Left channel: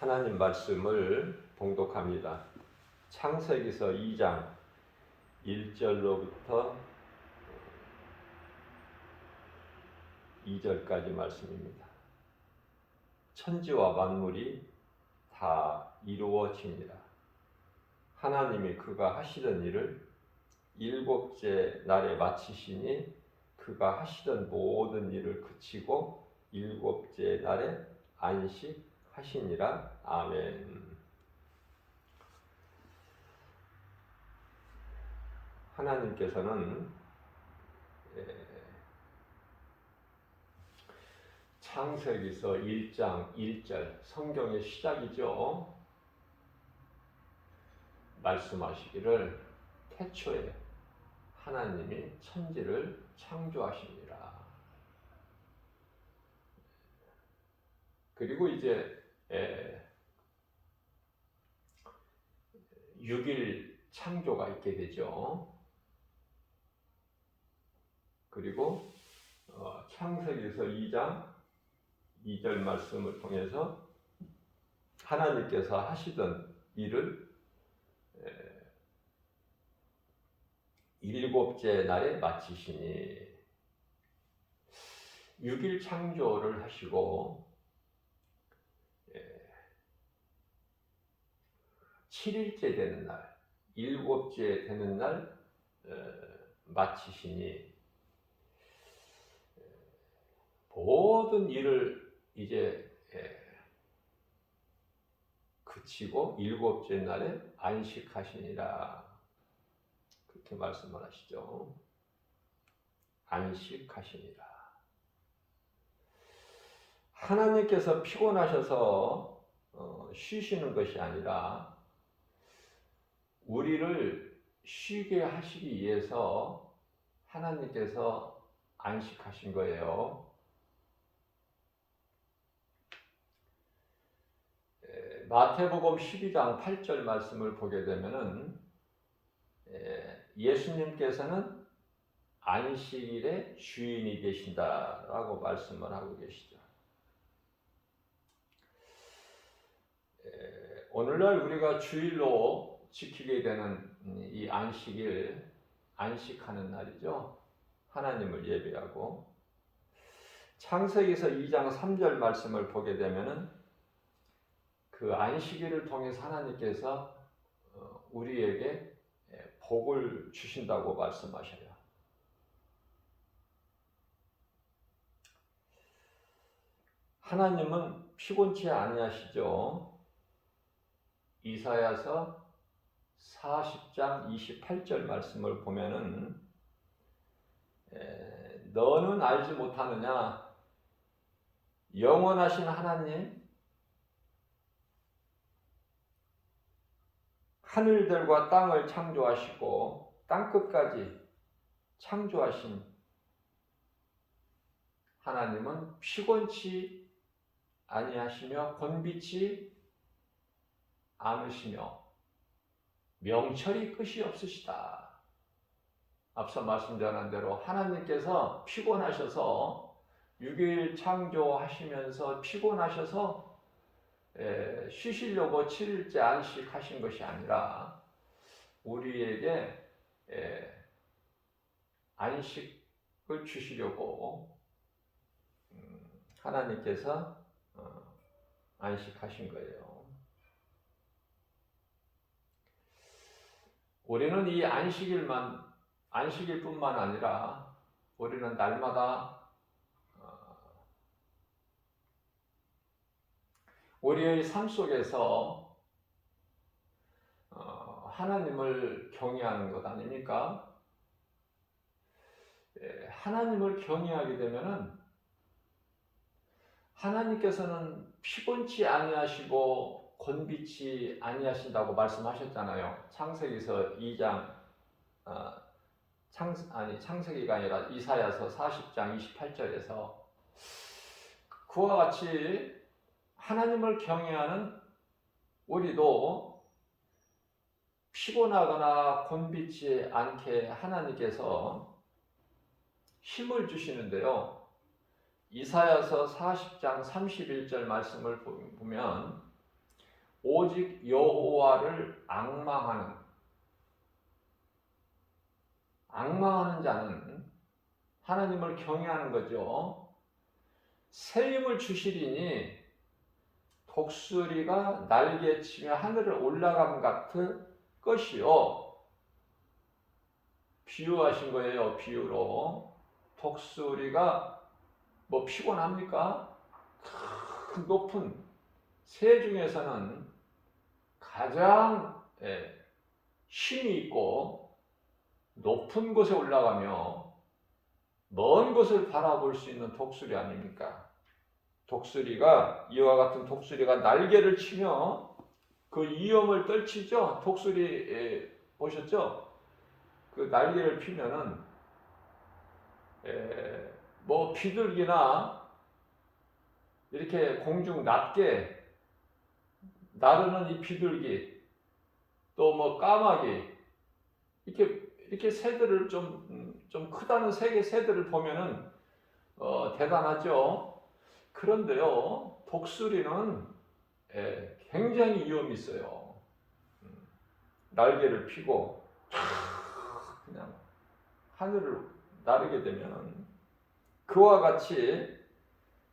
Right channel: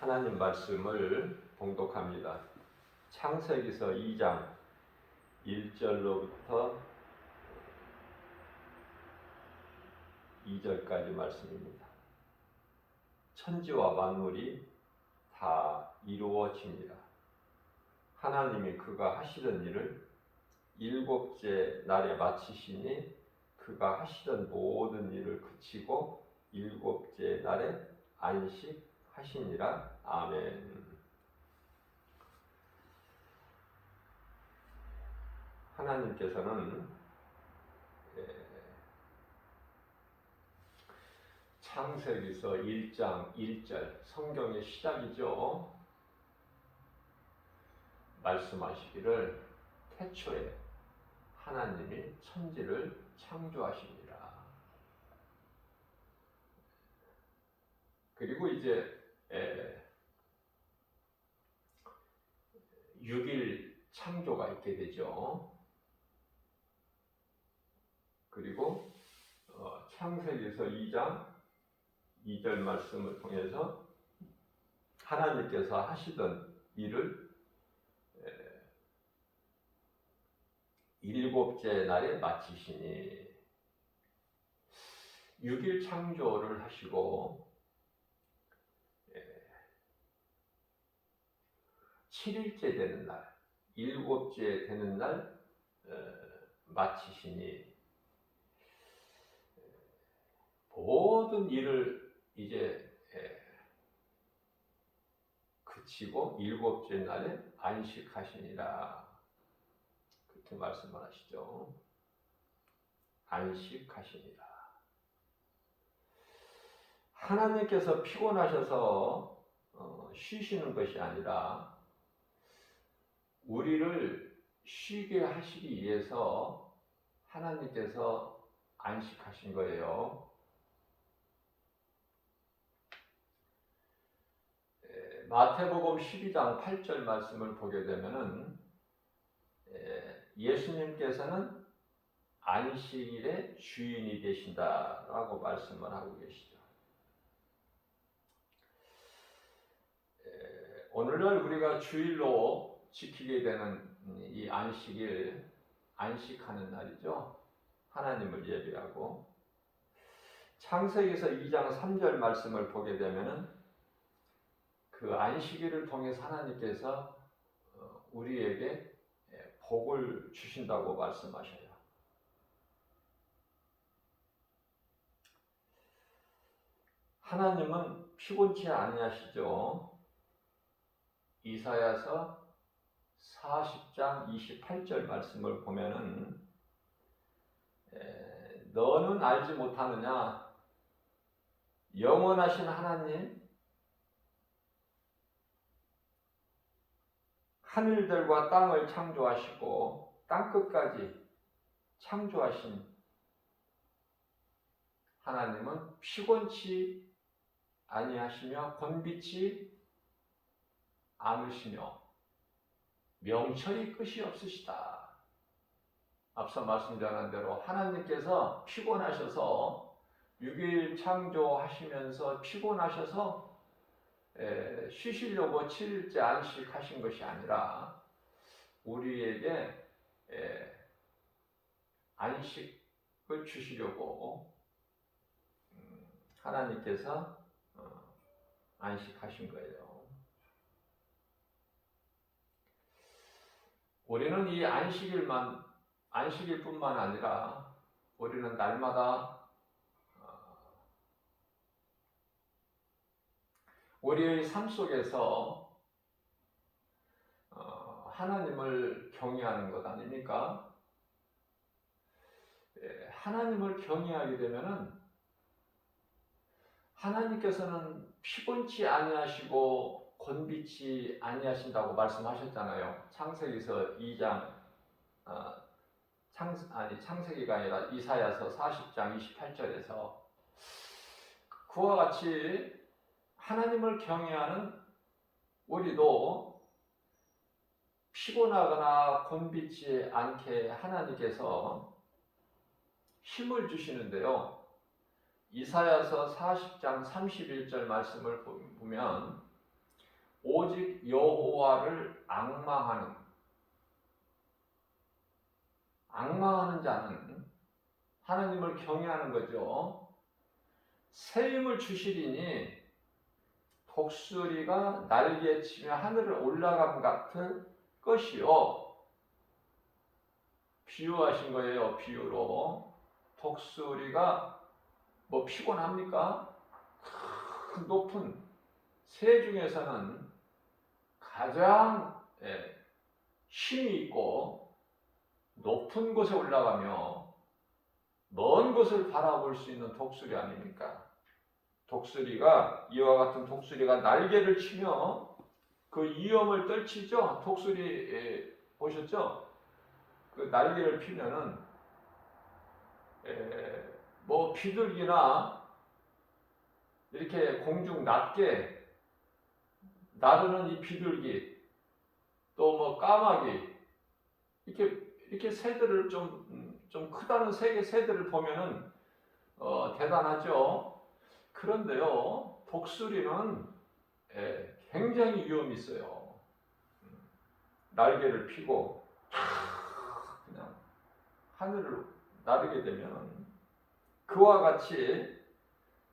하나님 말씀을 봉독합니다. 창세기서 2장 1절로부터 2절까지 말씀입니다. 천지와 만물이 다 이루어집니다. 하나님이 그가 하시던 일을 일곱째 날에 마치시니 그가 하시던 모든 일을 그치고 일곱째 날에 안식하시니라. 아멘. 하나님께서는 창세기서 1장 1절 성경의 시작이죠. 말씀하시기를 태초에 하나님이 천지를 창조하십니다. 그리고 이제 6일 창조가 있게 되죠. 그리고 창세기서 2장 2절 말씀을 통해서 하나님께서 하시던 일을 일곱째 날에 마치시니 6일 창조를 하시고 7일째 되는 날, 일곱째 되는 날 마치시니 모든 일을 이제 그치고 일곱째 날에 안식하시니라. 그렇게 말씀을 하시죠. 안식하시니라. 하나님께서 피곤하셔서 쉬시는 것이 아니라 우리를 쉬게 하시기 위해서 하나님께서 안식하신 거예요. 마태복음 12장 8절 말씀을 보게 되면은 예수님께서는 안식일의 주인이 되신다라고 말씀을 하고 계시죠. 오늘날 우리가 주일로 지키게 되는 이 안식일, 안식하는 날이죠. 하나님을 예배하고 창세기서 2장 3절 말씀을 보게 되면은 그 안식일을 통해서 하나님께서 우리에게 복을 주신다고 말씀하셔요. 하나님은 피곤치 아니하시죠. 이사야서 40장 28절 말씀을 보면은 너는 알지 못하느냐? 영원하신 하나님, 하늘들과 땅을 창조하시고 땅끝까지 창조하신 하나님은 피곤치 아니하시며 번비치 않으시며 명철이 끝이 없으시다. 앞서 말씀드린 대로 하나님께서 피곤하셔서 6일 창조하시면서 피곤하셔서 쉬시려고 7일째 안식하신 것이 아니라 우리에게 안식을 주시려고 하나님께서 안식하신 거예요. 우리는 이 안식일뿐만 아니라 우리는 날마다 우리의 삶 속에서 하나님을 경외하는 것 아닙니까? 하나님을 경외하게 되면은 하나님께서는 피곤치 아니하시고 곤비치 아니하신다고 말씀하셨잖아요. 창세기서 2장 창세기가 아니라 이사야서 40장 28절에서 그와 같이 하나님을 경외하는 우리도 피곤하거나 곤비치 않게 하나님께서 힘을 주시는데요. 이사야서 40장 31절 말씀을 보면 오직 여호와를 앙망하는 자는 하나님을 경외하는 거죠. 새 힘을 주시리니 독수리가 날개치며 하늘을 올라감 같을 것이요. 비유하신 거예요. 비유로. 독수리가 뭐 피곤합니까? 큰 높은 새 중에서는 가장 힘이 있고 높은 곳에 올라가며 먼 곳을 바라볼 수 있는 독수리 아닙니까? 독수리가 이와 같은 독수리가 날개를 치며 그 위험을 떨치죠. 독수리 보셨죠? 그 날개를 피면은 뭐 비둘기나 이렇게 공중 낮게 나르는 이 비둘기 또 뭐 까마귀 이렇게 새들을 좀 크다는 새들을 보면은 대단하죠. 그런데요, 독수리는 굉장히 위험이 있어요. 날개를 펴고 그냥 하늘을 나르게 되면 그와 같이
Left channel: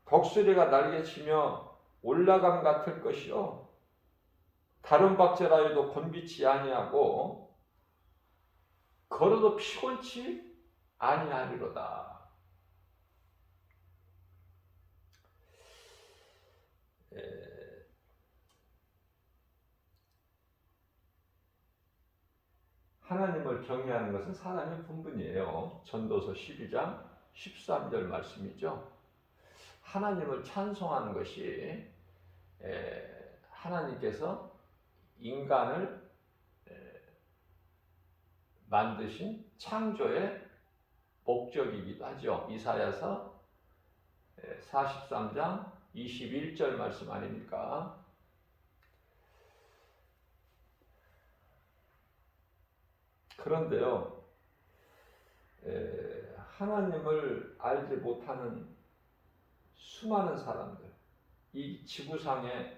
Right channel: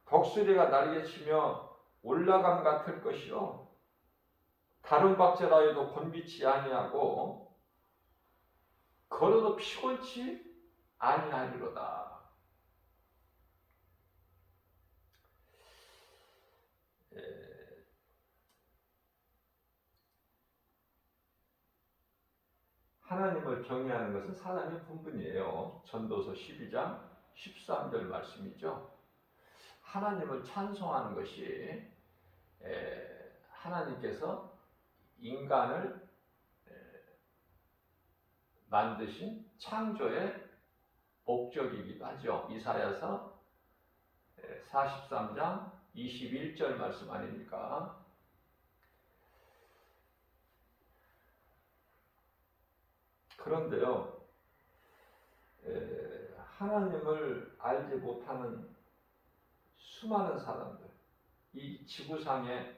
독수리가 날개치며 올라감 같을 것이요. 다른 박제라에도 곤비치 아니하고 걸어도 피곤치 아니하리로다. 하나님을 경외하는 것은 사람의 본분이에요. 전도서 12장 13절 말씀이죠. 하나님을 찬송하는 것이 하나님께서 인간을 만드신 창조의 목적이기도 하죠. 이사야서 43장 21절 말씀 아닙니까? 그런데요, 하나님을 알지 못하는 수많은 사람들, 이 지구상에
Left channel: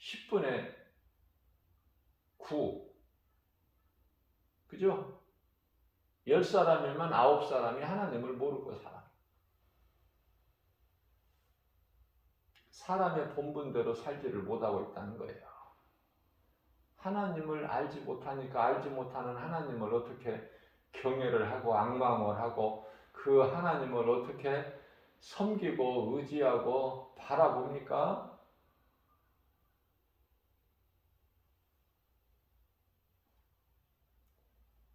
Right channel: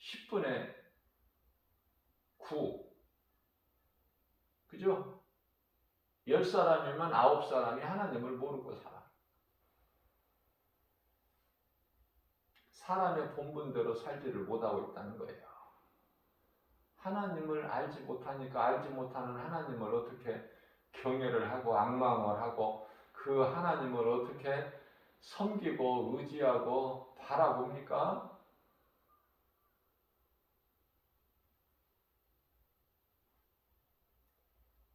10분의 9, 그죠? 10사람이면 9사람이 하나님을 모르고 살아. 사람의 본분대로 살지를 못하고 있다는 거예요. 하나님을 알지 못하니까 알지 못하는 하나님을 어떻게 경외를 하고 앙망을 하고 그 하나님을 어떻게 섬기고 의지하고 바라봅니까?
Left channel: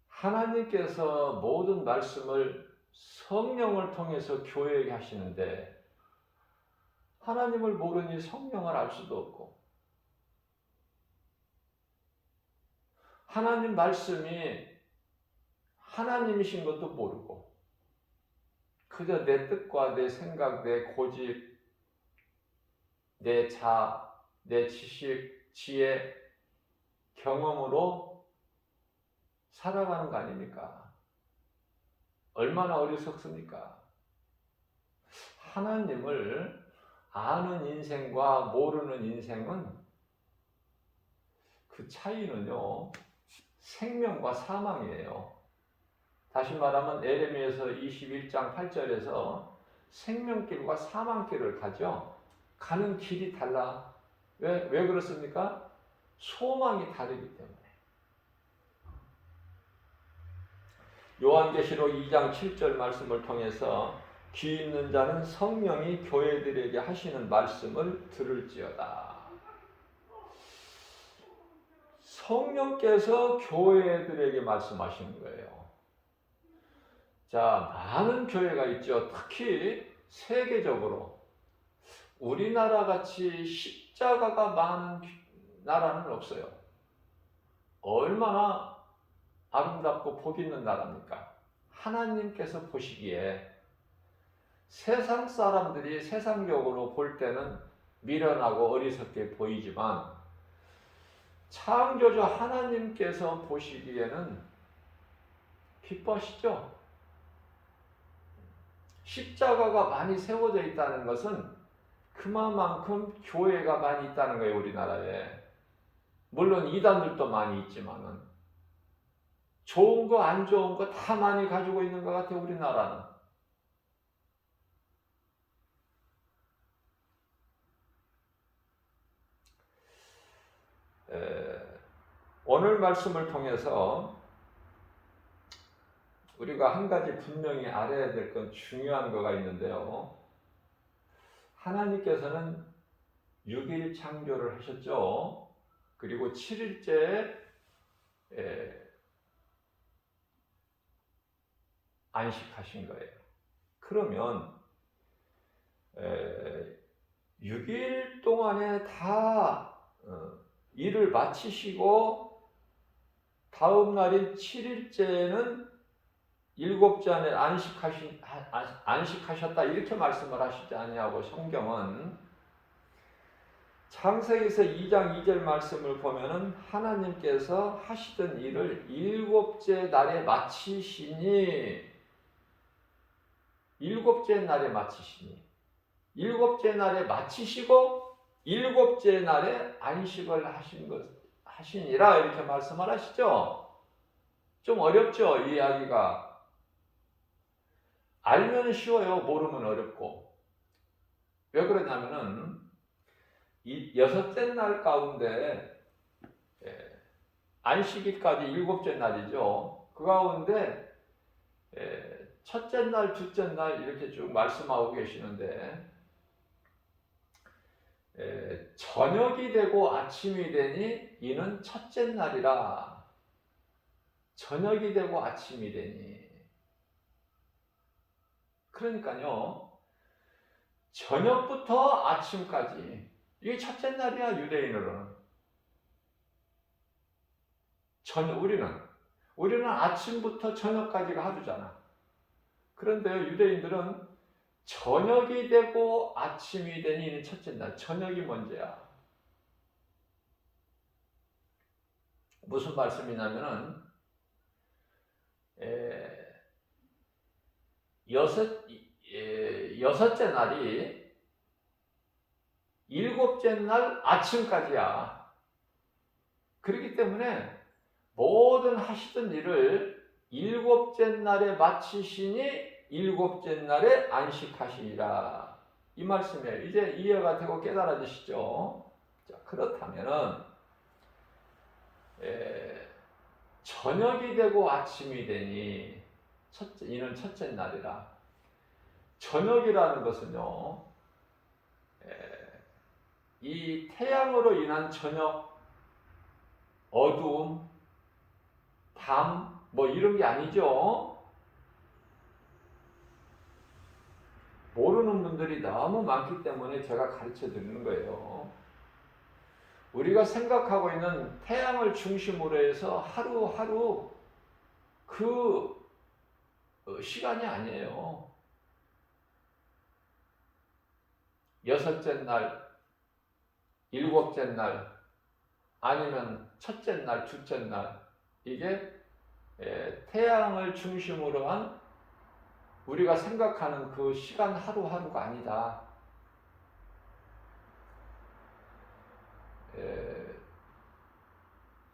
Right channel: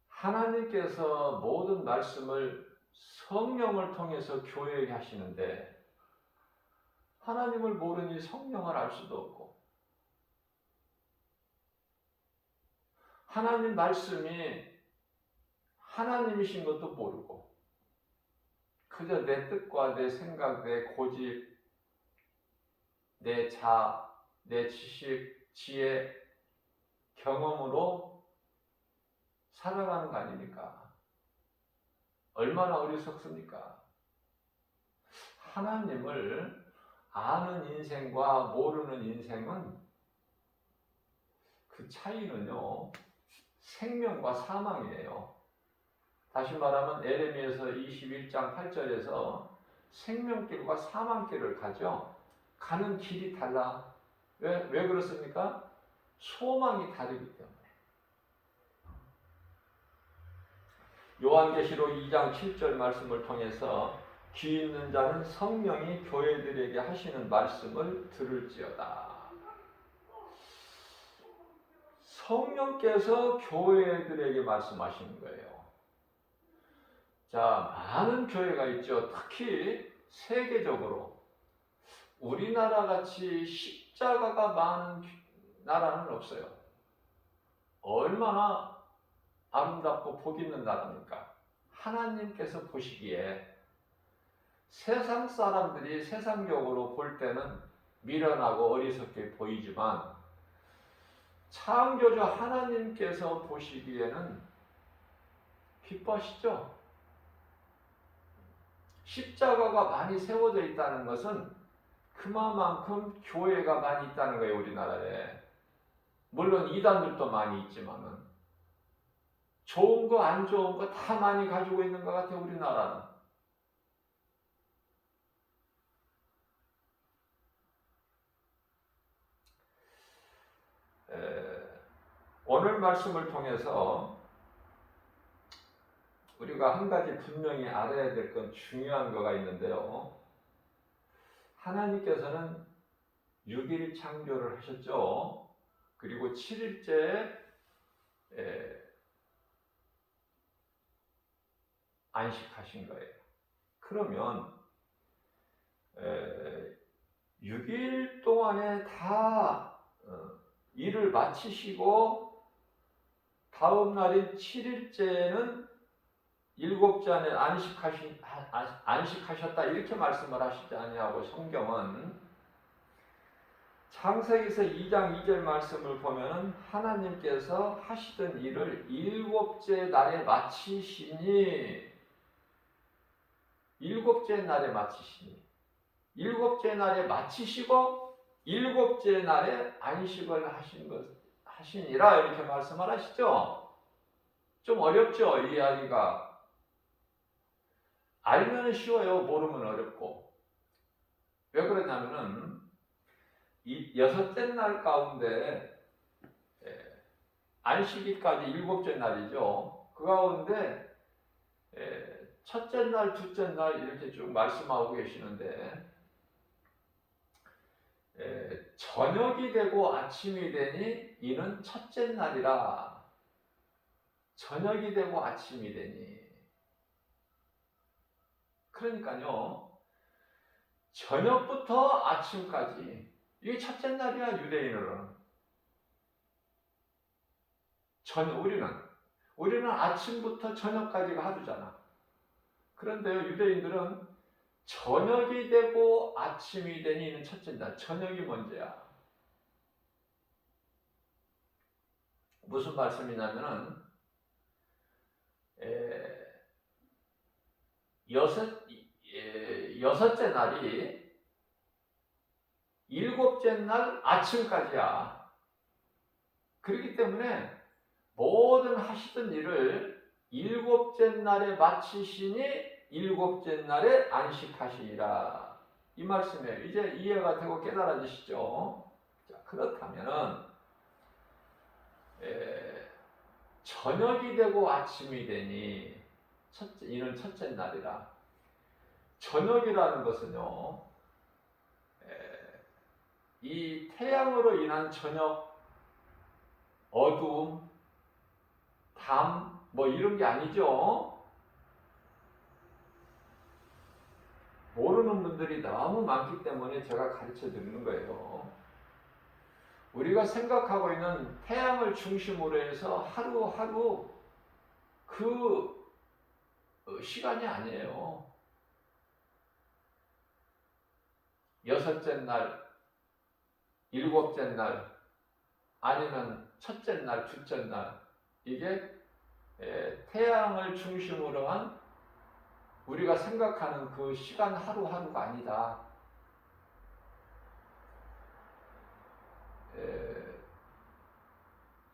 하나님께서 모든 말씀을 성령을 통해서 교회에게 하시는데 하나님을 모르니 성령을 알 수도 없고 하나님 말씀이 하나님이신 것도 모르고 그저 내 뜻과 내 생각, 내 고집, 내 내 지식, 지혜, 경험으로 살아가는 거 아닙니까? 얼마나 어리석습니까? 하나님을 아는 인생과 모르는 인생은 그 차이는요, 생명과 사망이에요. 다시 말하면 에레미야서 21장 8절에서 생명길과 사망길을 가죠. 가는 길이 달라. 왜 그렇습니까? 소망이 다르기 때문에. 요한계시록 2장 7절 말씀을 통해서 귀 있는 자는 성령이 교회들에게 하시는 말씀을 들을지어다. 성령께서 교회들에게 말씀하시는 거예요. 자, 많은 교회가 있죠. 특히 세계적으로 우리나라 같이 십자가가 많은 나라는 없어요. 얼마나 아름답고 복 있는 나라입니까? 하나님께서 보시기에 세상 사람들이 세상적으로 볼 때는 미련하고 어리석게 보이지만 창조주 하나님께서 보시기에는 기뻐하시죠? 십자가가 많이 세워져 있다는 것은 그만큼 교회가 많이 있다는 거예요, 우리나라에. 물론 이단들도 많이 있지만은 좋은 거 안 좋은 거 다 많이 가지고 있는 것 같아요, 우리나라는. 오늘 말씀을 통해서 우리가 한 가지 분명히 알아야 될 건 중요한 거가 있는데요. 하나님께서는 6일 창조를 하셨죠. 그리고 7일째 안식하신 거예요. 그러면 6일 동안에 다 일을 마치시고 다음 날인 7일째는 일곱째 안에 안식하셨다 이렇게 말씀을 하시지 아니하고 성경은 창세기서 2장 2절 말씀을 보면은 하나님께서 하시던 일을 일곱째 날에 마치시니 일곱째 날에 마치시고 일곱째 날에 안식을 하시니라 이렇게 말씀을 하시죠. 좀 어렵죠, 이야기가. 알면 쉬워요. 모르면 어렵고. 왜 그러냐면은 이 여섯째 날 가운데 안식일까지 일곱째 날이죠. 그 가운데 첫째 날, 둘째 날 이렇게 쭉 말씀하고 계시는데 저녁이 되고 아침이 되니 이는 첫째 날이라. 저녁이 되고 아침이 되니. 그러니까요. 저녁부터 아침까지 이게 첫째 날이야, 유대인으로는. 우리는 아침부터 저녁까지가 하루잖아. 그런데 유대인들은 저녁이 되고 아침이 되니 첫째 날. 저녁이 먼저야. 무슨 말씀이냐면은 여섯째 날이 일곱째 날 아침까지야. 그렇기 때문에 모든 하시던 일을 일곱째 날에 마치시니 일곱째 날에 안식하시니라. 이 말씀에 이제 이해가 되고 깨달아지시죠? 자, 그렇다면은 저녁이 되고 아침이 되니 이는 첫째 날이라. 저녁이라는 것은요, 이 태양으로 인한 저녁, 어두움, 밤, 뭐 이런 게 아니죠. 모르는 분들이 너무 많기 때문에 제가 가르쳐 드리는 거예요. 우리가 생각하고 있는 태양을 중심으로 해서 하루하루 그 시간이 아니에요. 여섯째 날, 일곱째 날, 아니면 첫째 날, 둘째 날, 이게 태양을 중심으로 한 우리가 생각하는 그 시간 하루하루가 아니다.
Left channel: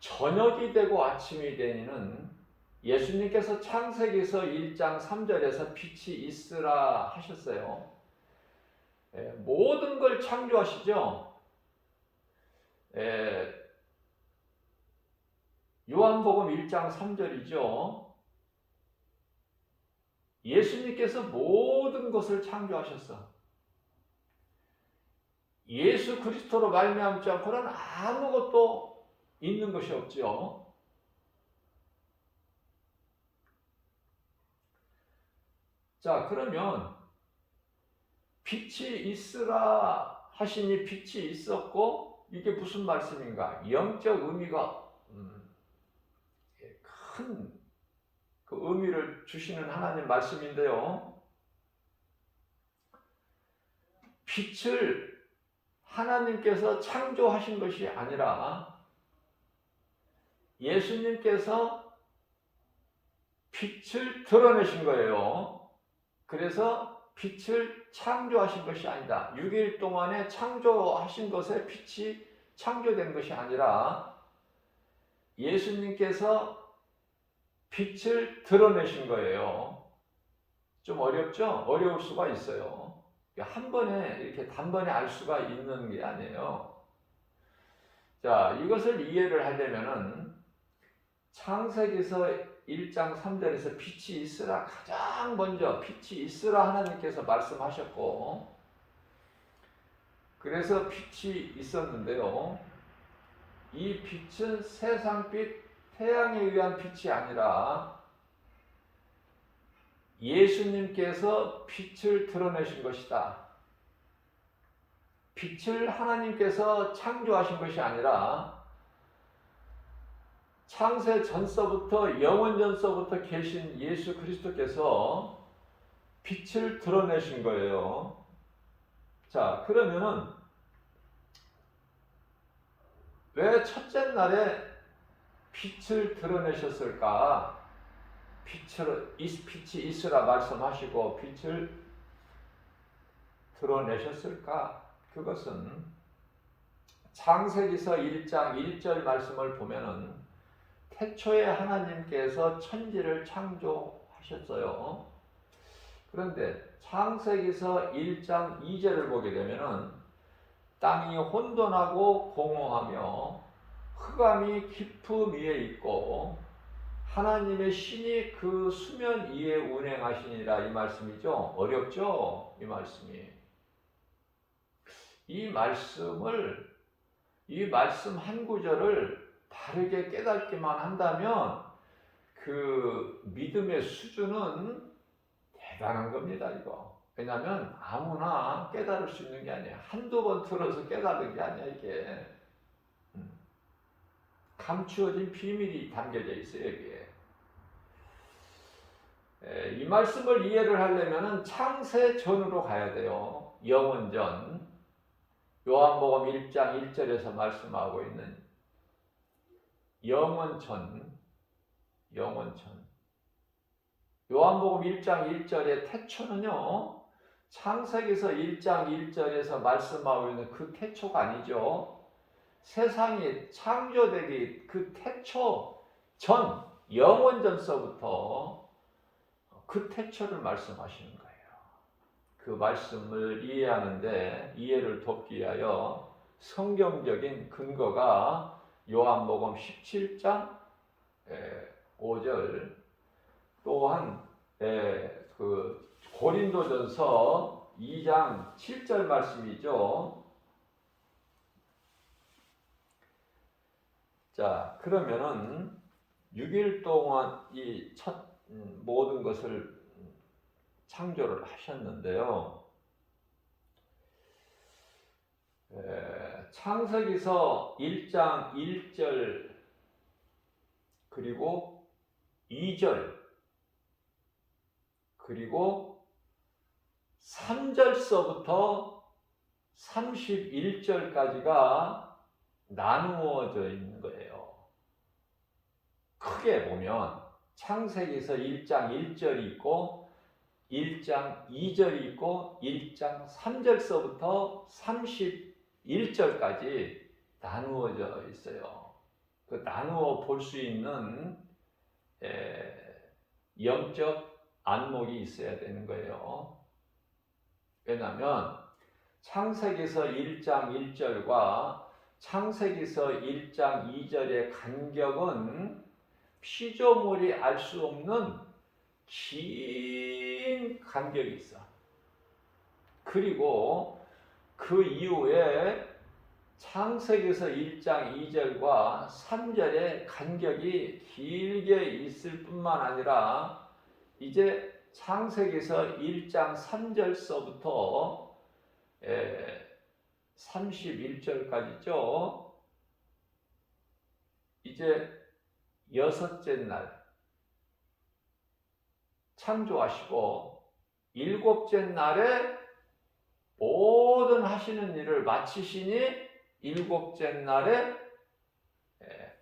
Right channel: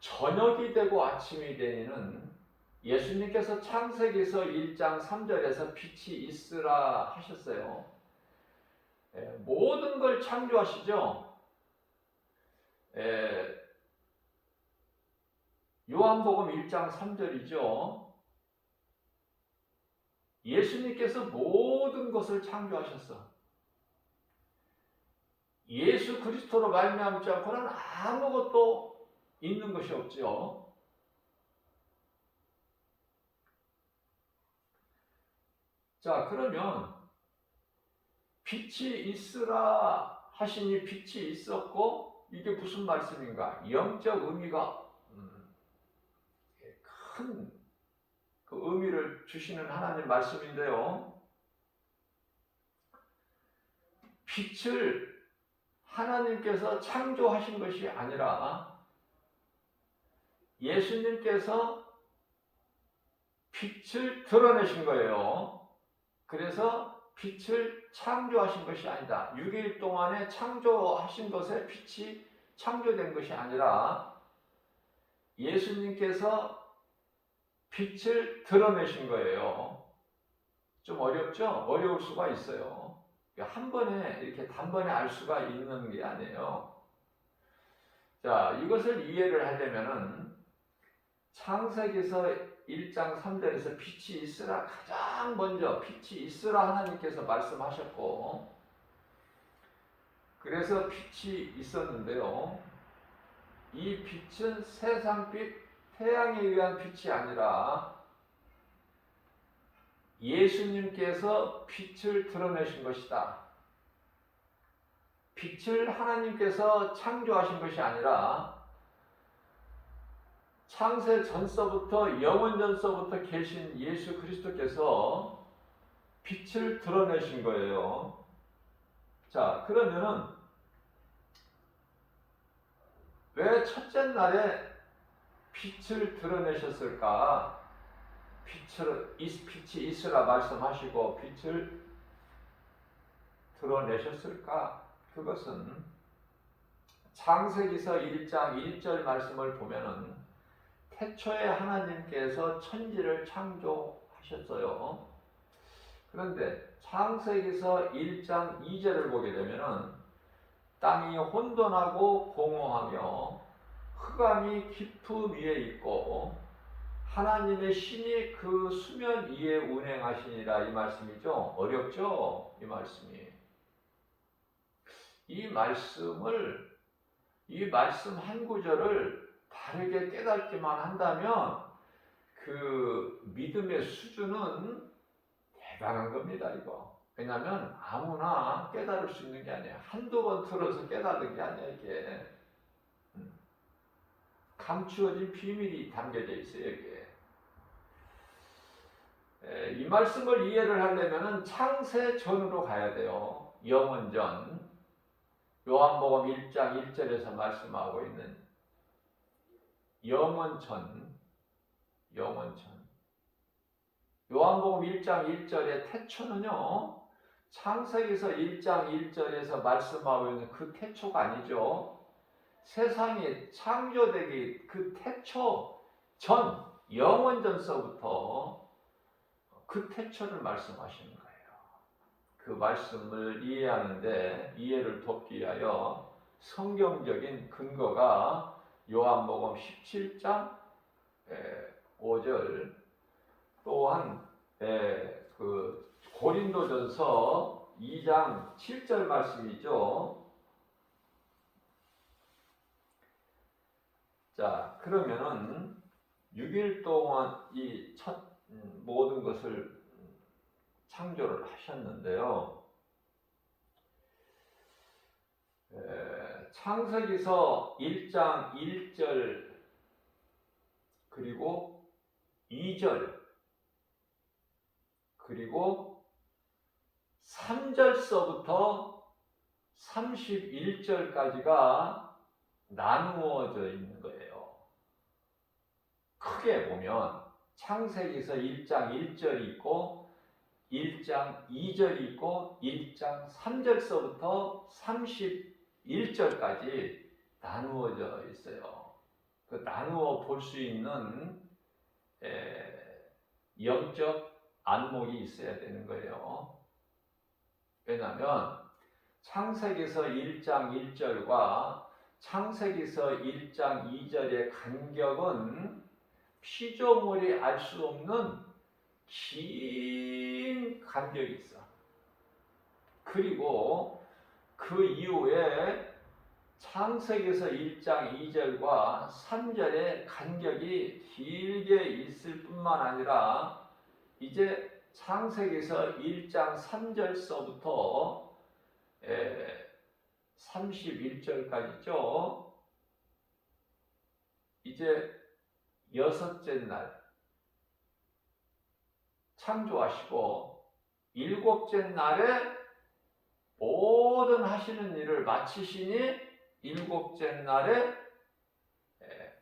저녁이 되고 아침이 되니는 예수님께서 창세기서 1장 3절에서 빛이 있으라 하셨어요. 모든 걸 창조하시죠. 요한복음 1장 3절이죠. 예수님께서 모든 것을 창조하셨어. 예수 그리스도로 말미암지 않고는 아무것도 있는 것이 없죠. 자, 그러면 빛이 있으라 하시니 빛이 있었고, 이게 무슨 말씀인가? 영적 의미가 큰 그 의미를 주시는 하나님 말씀인데요. 빛을 하나님께서 창조하신 것이 아니라 예수님께서 빛을 드러내신 거예요. 그래서 빛을 창조하신 것이 아니다. 6일 동안에 창조하신 것에 빛이 창조된 것이 아니라 예수님께서 빛을 드러내신 거예요. 좀 어렵죠? 어려울 수가 있어요. 한 번에 이렇게 단번에 알 수가 있는 게 아니에요. 자, 이것을 이해를 하려면은 창세기서 1장 3절에서 빛이 있으라, 가장 먼저 빛이 있으라 하나님께서 말씀하셨고, 그래서 빛이 있었는데요. 이 빛은 세상빛, 태양에 의한 빛이 아니라 예수님께서 빛을 드러내신 것이다. 빛을 하나님께서 창조하신 것이 아니라 창세 전서부터, 영원 전서부터 계신 예수 그리스도께서 빛을 드러내신 거예요. 자, 그러면은 왜 첫째 날에 빛을 드러내셨을까? 빛이 있으라 말씀하시고 빛을 드러내셨을까? 그것은 창세기서 1장 1절 말씀을 보면은 태초에 하나님께서 천지를 창조하셨어요. 그런데 창세기서 1장 2절을 보게 되면은 땅이 혼돈하고 공허하며 흑암이 깊음 위에 있고 하나님의 신이 그 수면 위에 운행하시니라, 이 말씀이죠. 어렵죠? 이 말씀이. 이 말씀 한 구절을 바르게 깨닫기만 한다면 그 믿음의 수준은 대단한 겁니다, 이거. 왜냐하면 아무나 깨달을 수 있는 게 아니에요. 한두 번 들어서 깨달은 게 아니야, 이게. 감추어진 비밀이 담겨져 있어요, 여기에. 이 말씀을 이해를 하려면 창세 전으로 가야 돼요. 영원 전. 요한복음 1장 1절에서 말씀하고 있는 영원 전. 요한복음 1장 1절의 태초는요, 창세기서 1장 1절에서 말씀하고 있는 그 태초가 아니죠. 세상이 창조되기 그 태초 전, 영원 전서부터 그 태초를 말씀하시는 거예요. 그 말씀을 이해하는데 이해를 돕기 위하여 성경적인 근거가 요한복음 17장 5절, 또한 그 고린도전서 2장 7절 말씀이죠. 자, 그러면은 6일 동안 이 첫 모든 것을 창조를 하셨는데요. 창세기서 1장 1절 그리고 2절 그리고 3절서부터 31절까지가 나누어져 있는 거예요. 크게 보면 창세기서 1장 1절이 있고 1장 2절이 있고 1장 3절서부터 31절까지 나누어져 있어요. 그 나누어 볼 수 있는 영적 안목이 있어야 되는 거예요. 왜냐하면 창세기서 1장 1절과 창세기서 1장 2절의 간격은 피조물이 알 수 없는 긴 간격이 있어. 그리고 그 이후에 창세기서 1장 2절과 3절의 간격이 길게 있을 뿐만 아니라 이제 창세기서 1장 3절서부터 31절까지죠. 이제 여섯째 날 창조하시고 일곱째 날에 모든 하시는 일을 마치시니 일곱째 날에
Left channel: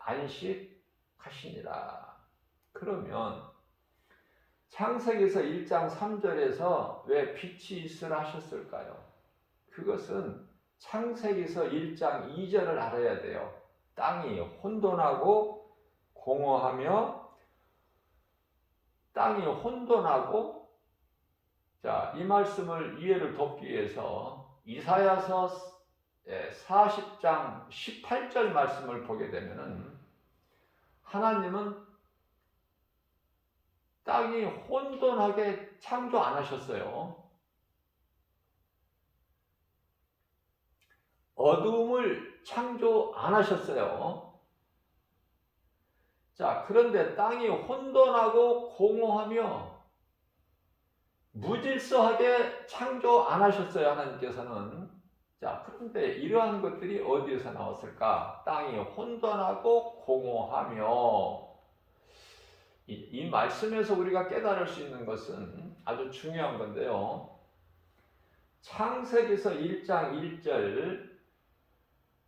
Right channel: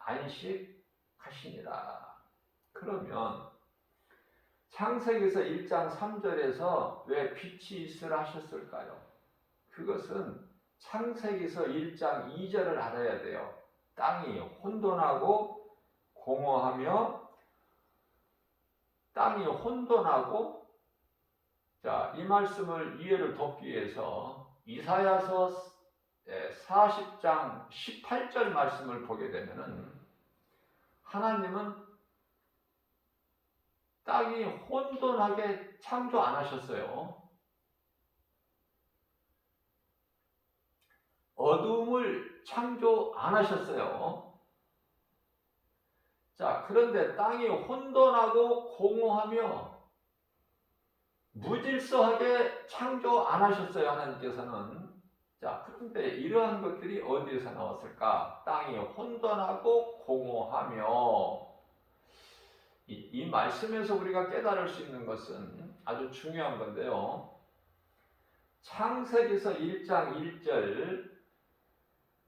안식하시니라. 그러면 창세기서 1장 3절에서 왜 빛이 있으라 하셨을까요? 그것은 창세기서 1장 2절을 알아야 돼요. 땅이 혼돈하고 공허하며 땅이 혼돈하고 자, 이 말씀을 이해를 돕기 위해서 이사야서 40장 18절 말씀을 보게 되면은 하나님은 땅이 혼돈하게 창조 안 하셨어요. 어두움을 창조 안 하셨어요. 자, 그런데 땅이 혼돈하고 공허하며 무질서하게 창조 안 하셨어요, 하나님께서는. 자, 그런데 이러한 것들이 어디에서 나왔을까? 땅이 혼돈하고 공허하며 이 말씀에서 우리가 깨달을 수 있는 것은 아주 중요한 건데요. 창세기서 1장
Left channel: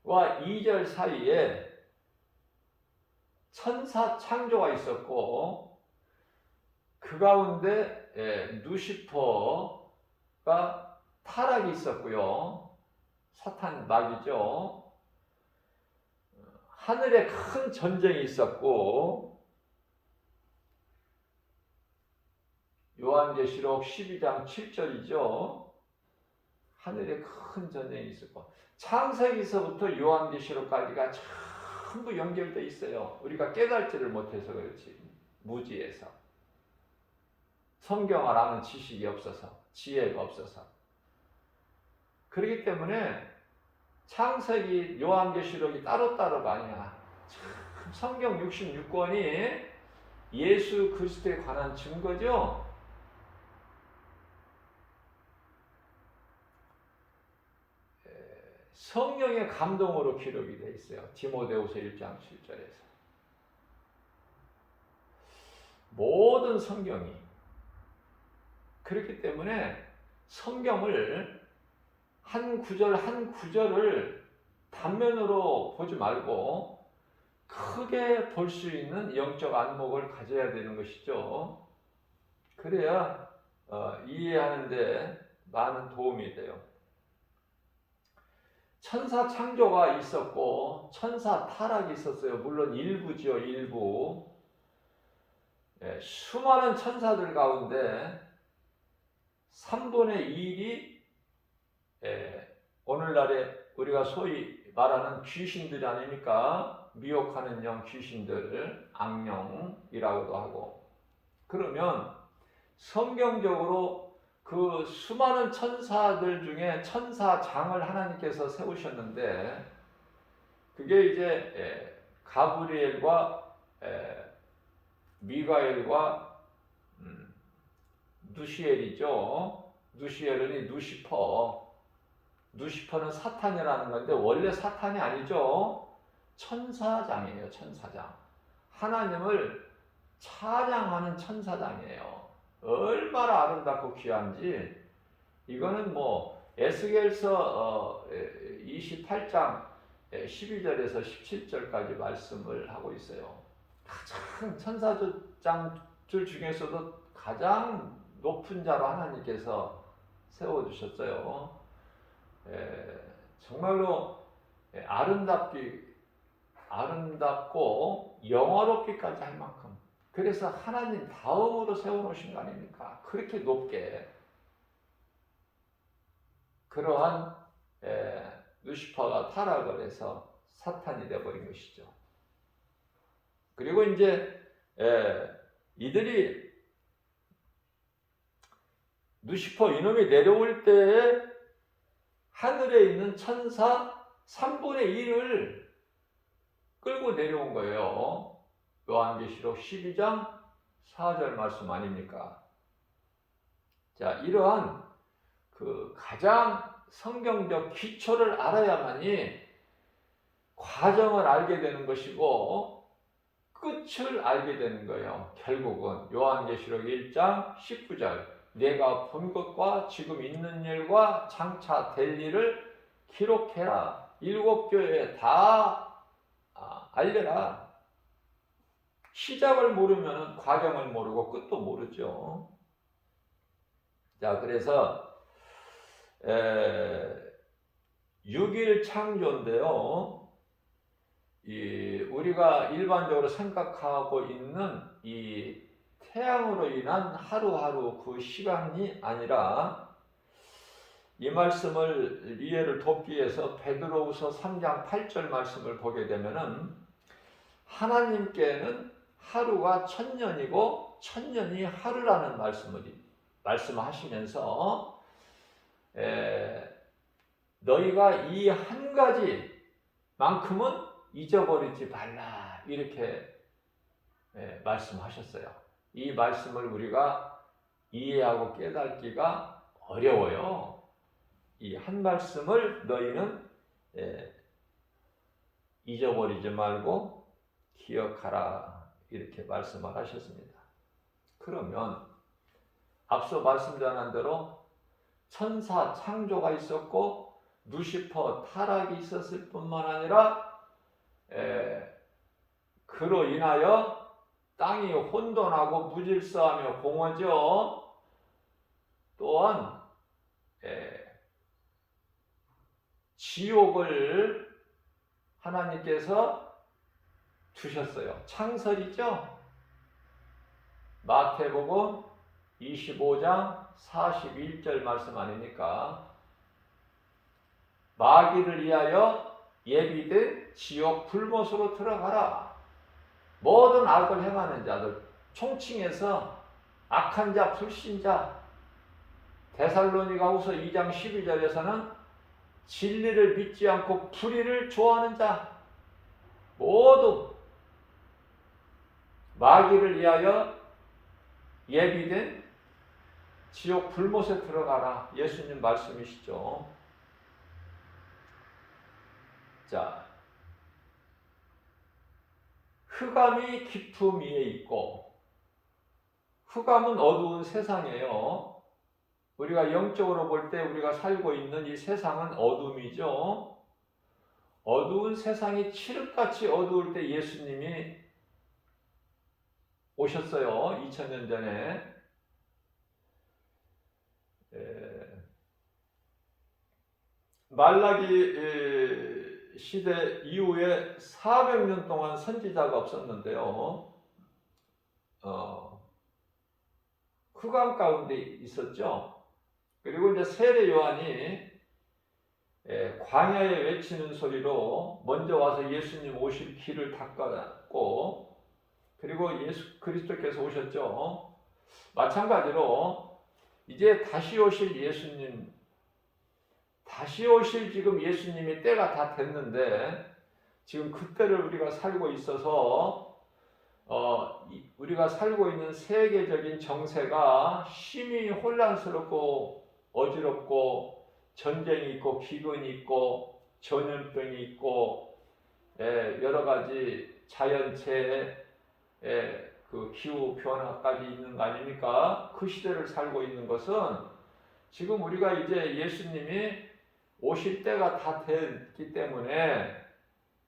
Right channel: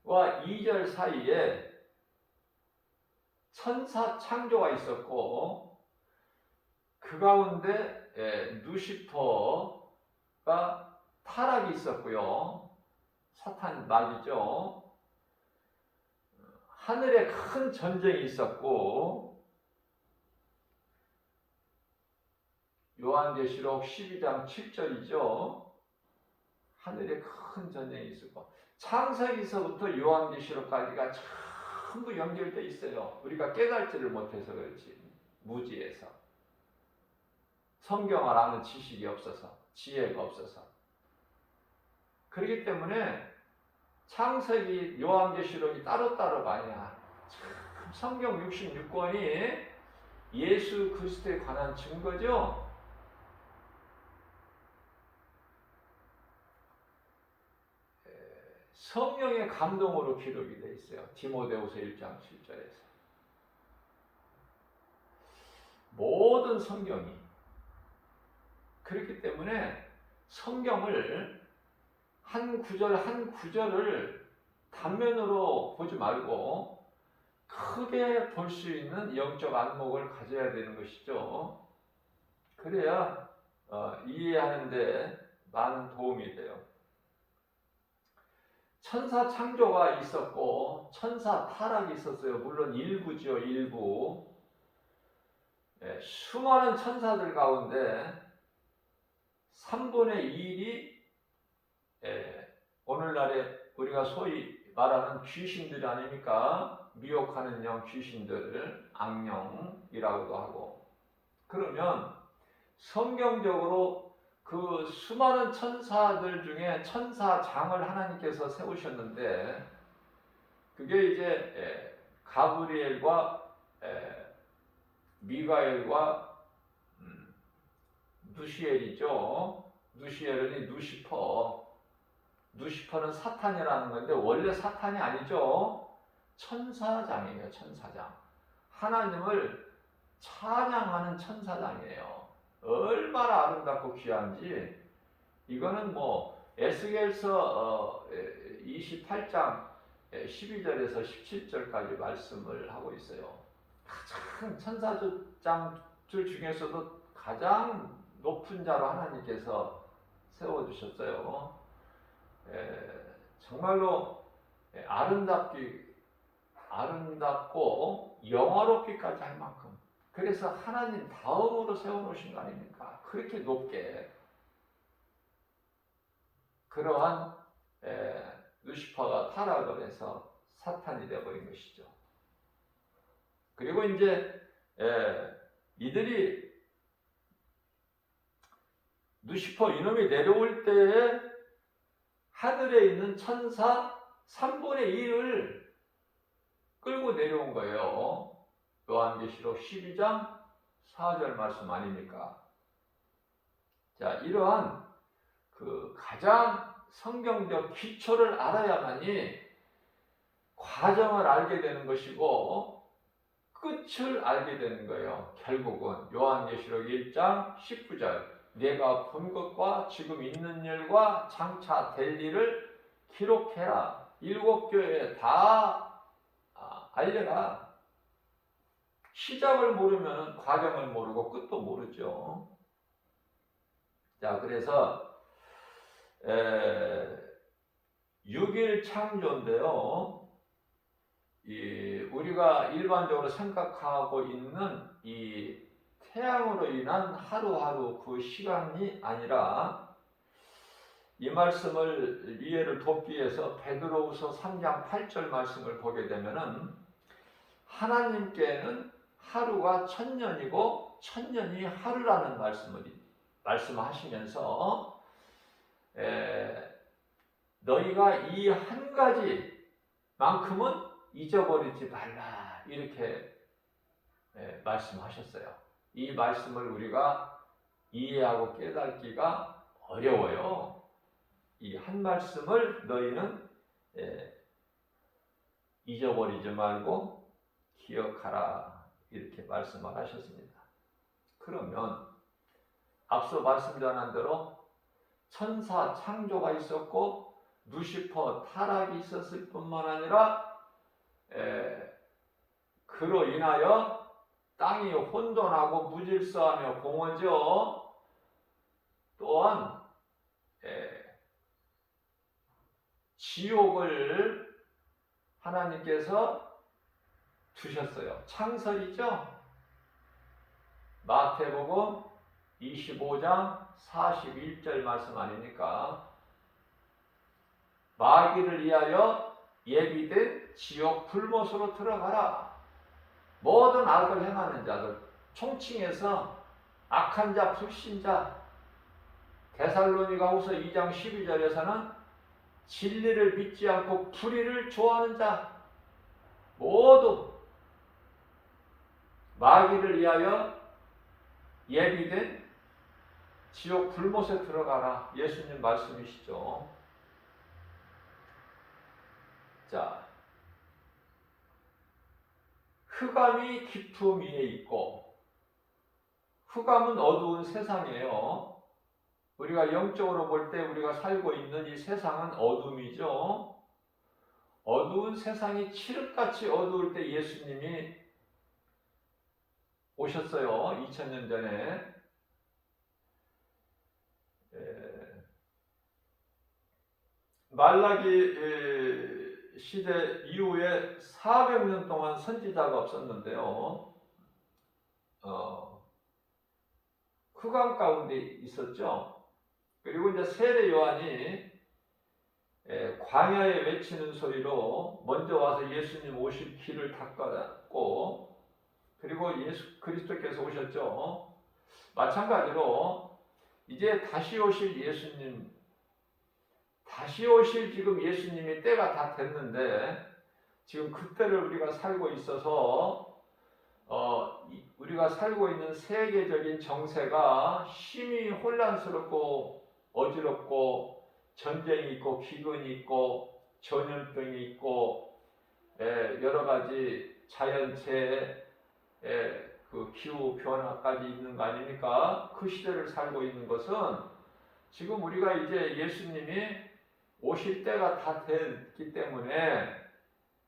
1절과 2절 사이에 천사 창조가 있었고 그 가운데 누시퍼가 타락이 있었고요. 사탄 낙이죠. 하늘에 큰 전쟁이 있었고 요한계시록 12장 7절이죠. 하늘에 큰 전쟁이 있었고 창세기서부터 요한계시록까지가 전부 연결되어 있어요. 우리가 깨달지를 못해서 그렇지. 무지에서. 성경을 아는 지식이 없어서, 지혜가 없어서. 그렇기 때문에 창세기, 요한계시록이 따로따로가 아니야. 성경 66권이 예수 그리스도에 관한 증거죠. 성령의 감동으로 기록이 되어 있어요. 디모데후서 1장 7절에서. 모든 성경이. 그렇기 때문에 성경을 한 구절 한 구절을 단면으로 보지 말고 크게 볼 수 있는 영적 안목을 가져야 되는 것이죠. 그래야 이해하는 데 많은 도움이 돼요. 천사 창조가 있었고 천사 타락이 있었어요. 물론 일부죠. 일부. 수많은 천사들 가운데 3분의 1이 오늘날에 우리가 소위 말하는 귀신들 아닙니까? 미혹하는 영 귀신들, 악령이라고도 하고. 그러면 성경적으로 그 수많은 천사들 중에 천사장을 하나님께서 세우셨는데 그게 이제 가브리엘과 미가엘과 누시엘이죠. 누시엘은 누시퍼는 사탄이라는 건데 원래 사탄이 아니죠. 천사장이에요. 천사장. 하나님을 찬양하는 천사장이에요. 얼마나 아름답고 귀한지. 이거는 뭐 에스겔서 28장 12절에서 17절까지 말씀을 하고 있어요. 가장 천사장들 중에서도 가장 높은 자로 하나님께서 세워주셨어요. 정말로 아름답고 영화롭기까지 할 만큼. 그래서 하나님 다음으로 세워놓으신 거 아닙니까? 그렇게 높게. 그러한 루시퍼가 타락을 해서 사탄이 되어버린 것이죠. 그리고 이제 이들이 루시퍼 이놈이 내려올 때에 하늘에 있는 천사 3분의 1을 끌고 내려온 거예요. 요한계시록 12장 4절 말씀 아닙니까? 자, 이러한 그 가장 성경적 기초를 알아야만이 과정을 알게 되는 것이고 끝을 알게 되는 거예요. 결국은 요한계시록 1장 19절 내가 본 것과 지금 있는 일과 장차 될 일을 기록해라. 7 교회에 다 알려라. 시작을 모르면 과정을 모르고 끝도 모르죠. 자, 그래서 6일 창조인데요. 우리가 일반적으로 생각하고 있는 이 태양으로 인한 하루하루 그 시간이 아니라, 이 말씀을 이해를 돕기 위해서 베드로후서 3장 8절 말씀을 보게 되면은, 하나님께는 하루가 천년이고 천년이 하루라는 말씀하시면서 너희가 이 한 가지만큼은 잊어버리지 말라, 이렇게 말씀하셨어요. 이 말씀을 우리가 이해하고 깨닫기가 어려워요. 이 한 말씀을 너희는 잊어버리지 말고 기억하라, 이렇게 말씀을 하셨습니다. 그러면 앞서 말씀 전한 대로 천사 창조가 있었고 루시퍼 타락이 있었을 뿐만 아니라 그로 인하여 땅이 혼돈하고 무질서하며 공허져, 또한 지옥을 하나님께서 두셨어요. 창설이죠. 마태복음 25장 41절 말씀 아닙니까? 마귀를 위하여 예비된 지옥 불못으로 들어가라. 모든 악을 행하는 자들, 총칭해서 악한 자, 불신자, 데살로니가후서 2장 12절에서는 진리를 믿지 않고 불의를 좋아하는 자, 모두 마귀를 위하여 예비된 지옥 불못에 들어가라, 예수님 말씀이시죠. 자, 흑암이 깊음 위에 있고, 흑암은 어두운 세상이에요. 우리가 영적으로 볼 때 우리가 살고 있는 이 세상은 어둠이죠. 어두운 세상이 칠흑같이 어두울 때 예수님이 오셨어요. 2000년 전에. 말라기 시대 이후에 400년 동안 선지자가 없었는데요. 흑암 가운데 있었죠. 그리고 이제 세례 요한이 광야에 외치는 소리로 먼저 와서 예수님 오실 길을 닦았고, 그리고 예수 그리스도께서 오셨죠. 마찬가지로 이제 다시 오실 예수님, 다시 오실 지금 예수님이 때가 다 됐는데, 지금 그때를 우리가 살고 있어서 우리가 살고 있는 세계적인 정세가 심히 혼란스럽고 어지럽고, 전쟁이 있고 기근이 있고 전염병이 있고 여러 가지 자연재해, 그 기후 변화까지 있는 거 아닙니까? 그 시대를 살고 있는 것은 지금 우리가 이제 예수님이 오실 때가 다 됐기 때문에,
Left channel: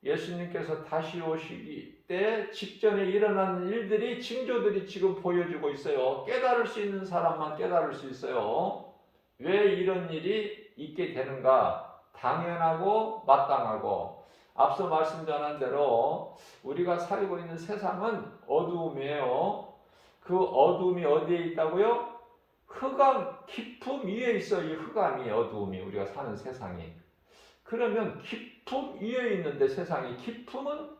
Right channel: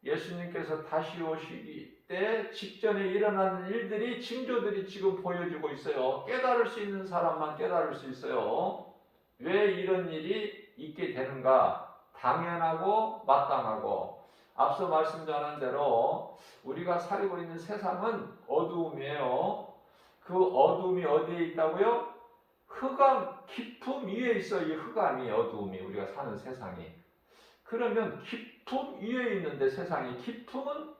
예수님께서 다시 오시기 때 직전에 일어나는 일들이, 징조들이 지금 보여지고 있어요. 깨달을 수 있는 사람만 깨달을 수 있어요. 왜 이런 일이 있게 되는가? 당연하고 마땅하고, 앞서 말씀 전한 대로 우리가 살고 있는 세상은 어두움이에요. 그 어두움이 어디에 있다고요? 흑암 깊음 위에 있어요. 이 흑암이, 어두움이, 우리가 사는 세상이. 그러면 깊음 위에 있는데, 세상이 깊음은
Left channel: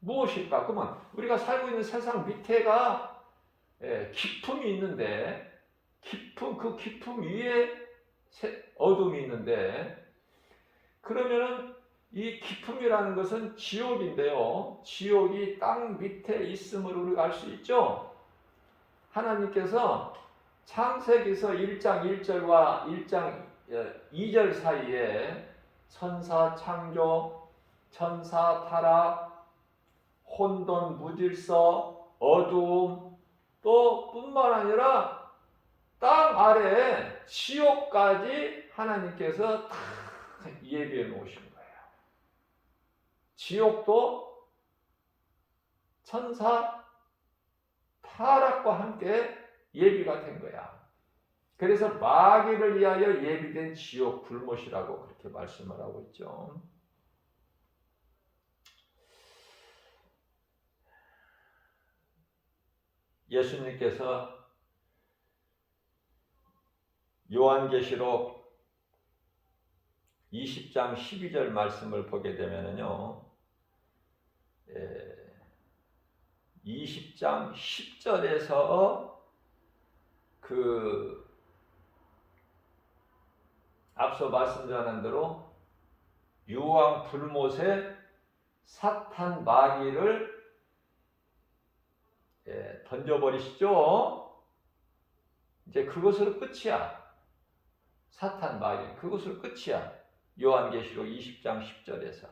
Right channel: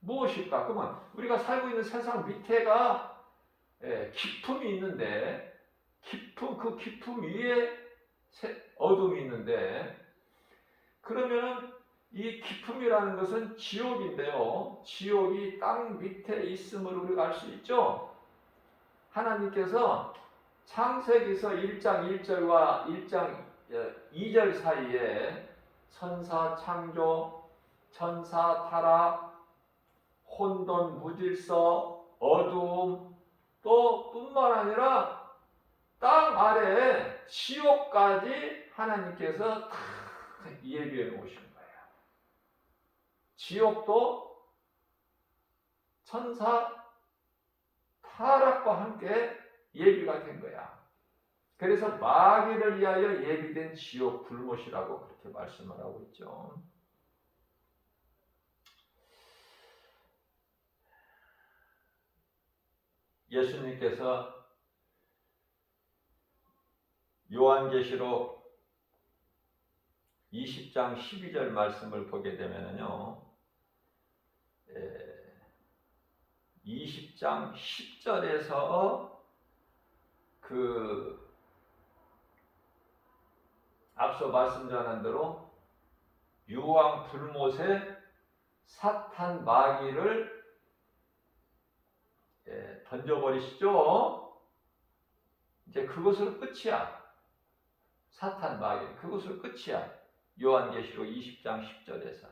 무엇일까? 그러면 우리가 살고 있는 세상 밑에가 깊음이 있는데, 그 깊음 위에 어둠이 있는데, 그러면은 이 깊음이라는 것은 지옥인데요. 지옥이 땅 밑에 있음을 우리가 알 수 있죠. 하나님께서 창세기서 1장 1절과 1장 2절 사이에 천사 창조, 천사 타락, 혼돈, 무질서, 어두움, 또 뿐만 아니라 땅 아래에 지옥까지 하나님께서 다 예비해 놓으신 거예요. 지옥도 천사 타락과 함께 예비가 된 거야. 그래서 마귀를 위하여 예비된 지옥 불못이라고 그렇게 말씀을 하고 있죠. 예수님께서 요한계시록 20장 12절 말씀을 보게 되면요, 20장 10절에서 앞서 말씀드린 대로 유황 불못에 사탄 마귀를 던져버리시죠. 이제 그것으로 끝이야. 사탄 마귀 그것으로 끝이야. 요한계시록 20장 10절에서.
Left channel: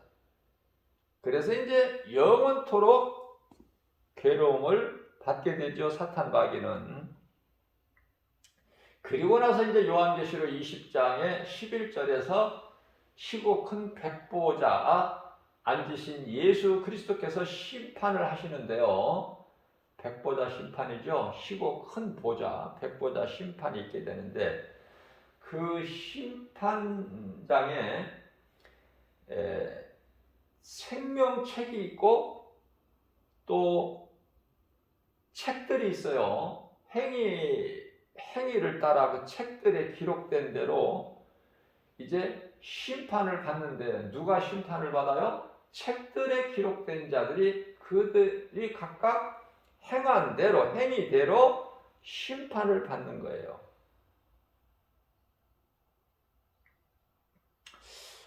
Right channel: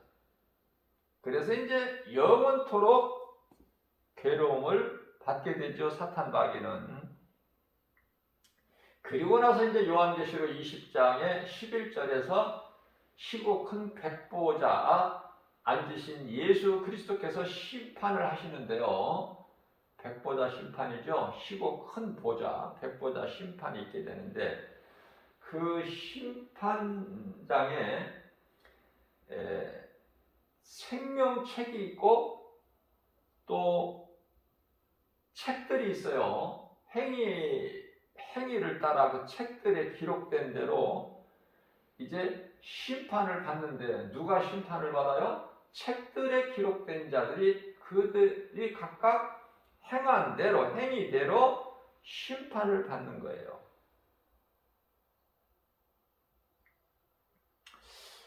그래서 이제 영원토록 괴로움을 받게 되죠. 사탄 마귀는. 그리고 나서 이제 요한계시록 20장의 11절에서 시고 큰 백보자 앉으신 예수 그리스도께서 심판을 하시는데요. 백보자 심판이죠. 시고 큰 보자, 백보자 심판이 있게 되는데, 그 심판장에 생명책이 있고 또 책들이 있어요. 행위를 따라 그 책들에 기록된 대로 이제 심판을 받는데, 누가 심판을 받아요? 책들에 기록된 자들이 그들이 각각 행한 대로, 행위대로 심판을 받는 거예요.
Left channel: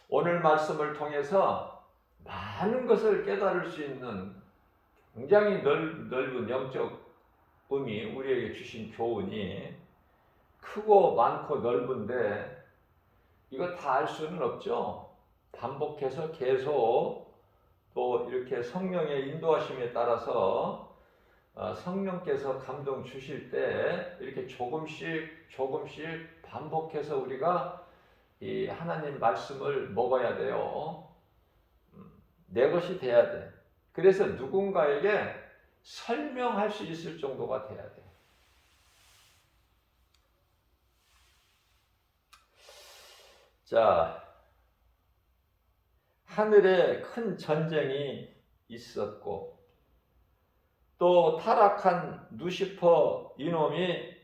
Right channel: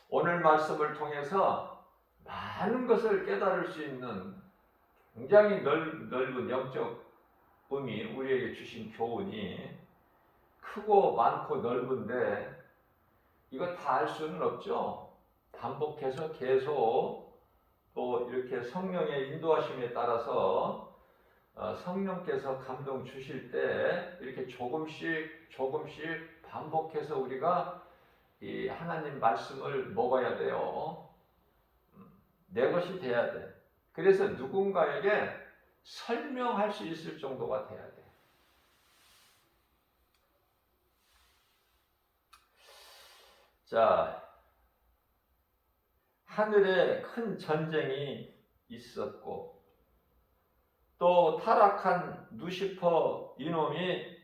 오늘 말씀을 통해서 많은 것을 깨달을 수 있는 굉장히 넓은 영적 의미, 우리에게 주신 교훈이 크고 많고 넓은데, 이거 다 알 수는 없죠. 반복해서 계속 또 이렇게 성령의 인도하심에 따라서 성령께서 감동 주실 때 이렇게 조금씩 반복해서 우리가 이 하나님 말씀을 먹어야 돼요. 내 것이 돼야 돼. 그래서 누군가에게 설명할 수 있을 정도가 돼야 돼. 자, 하늘에 큰 전쟁이 있었고, 또 타락한 루시퍼 이놈이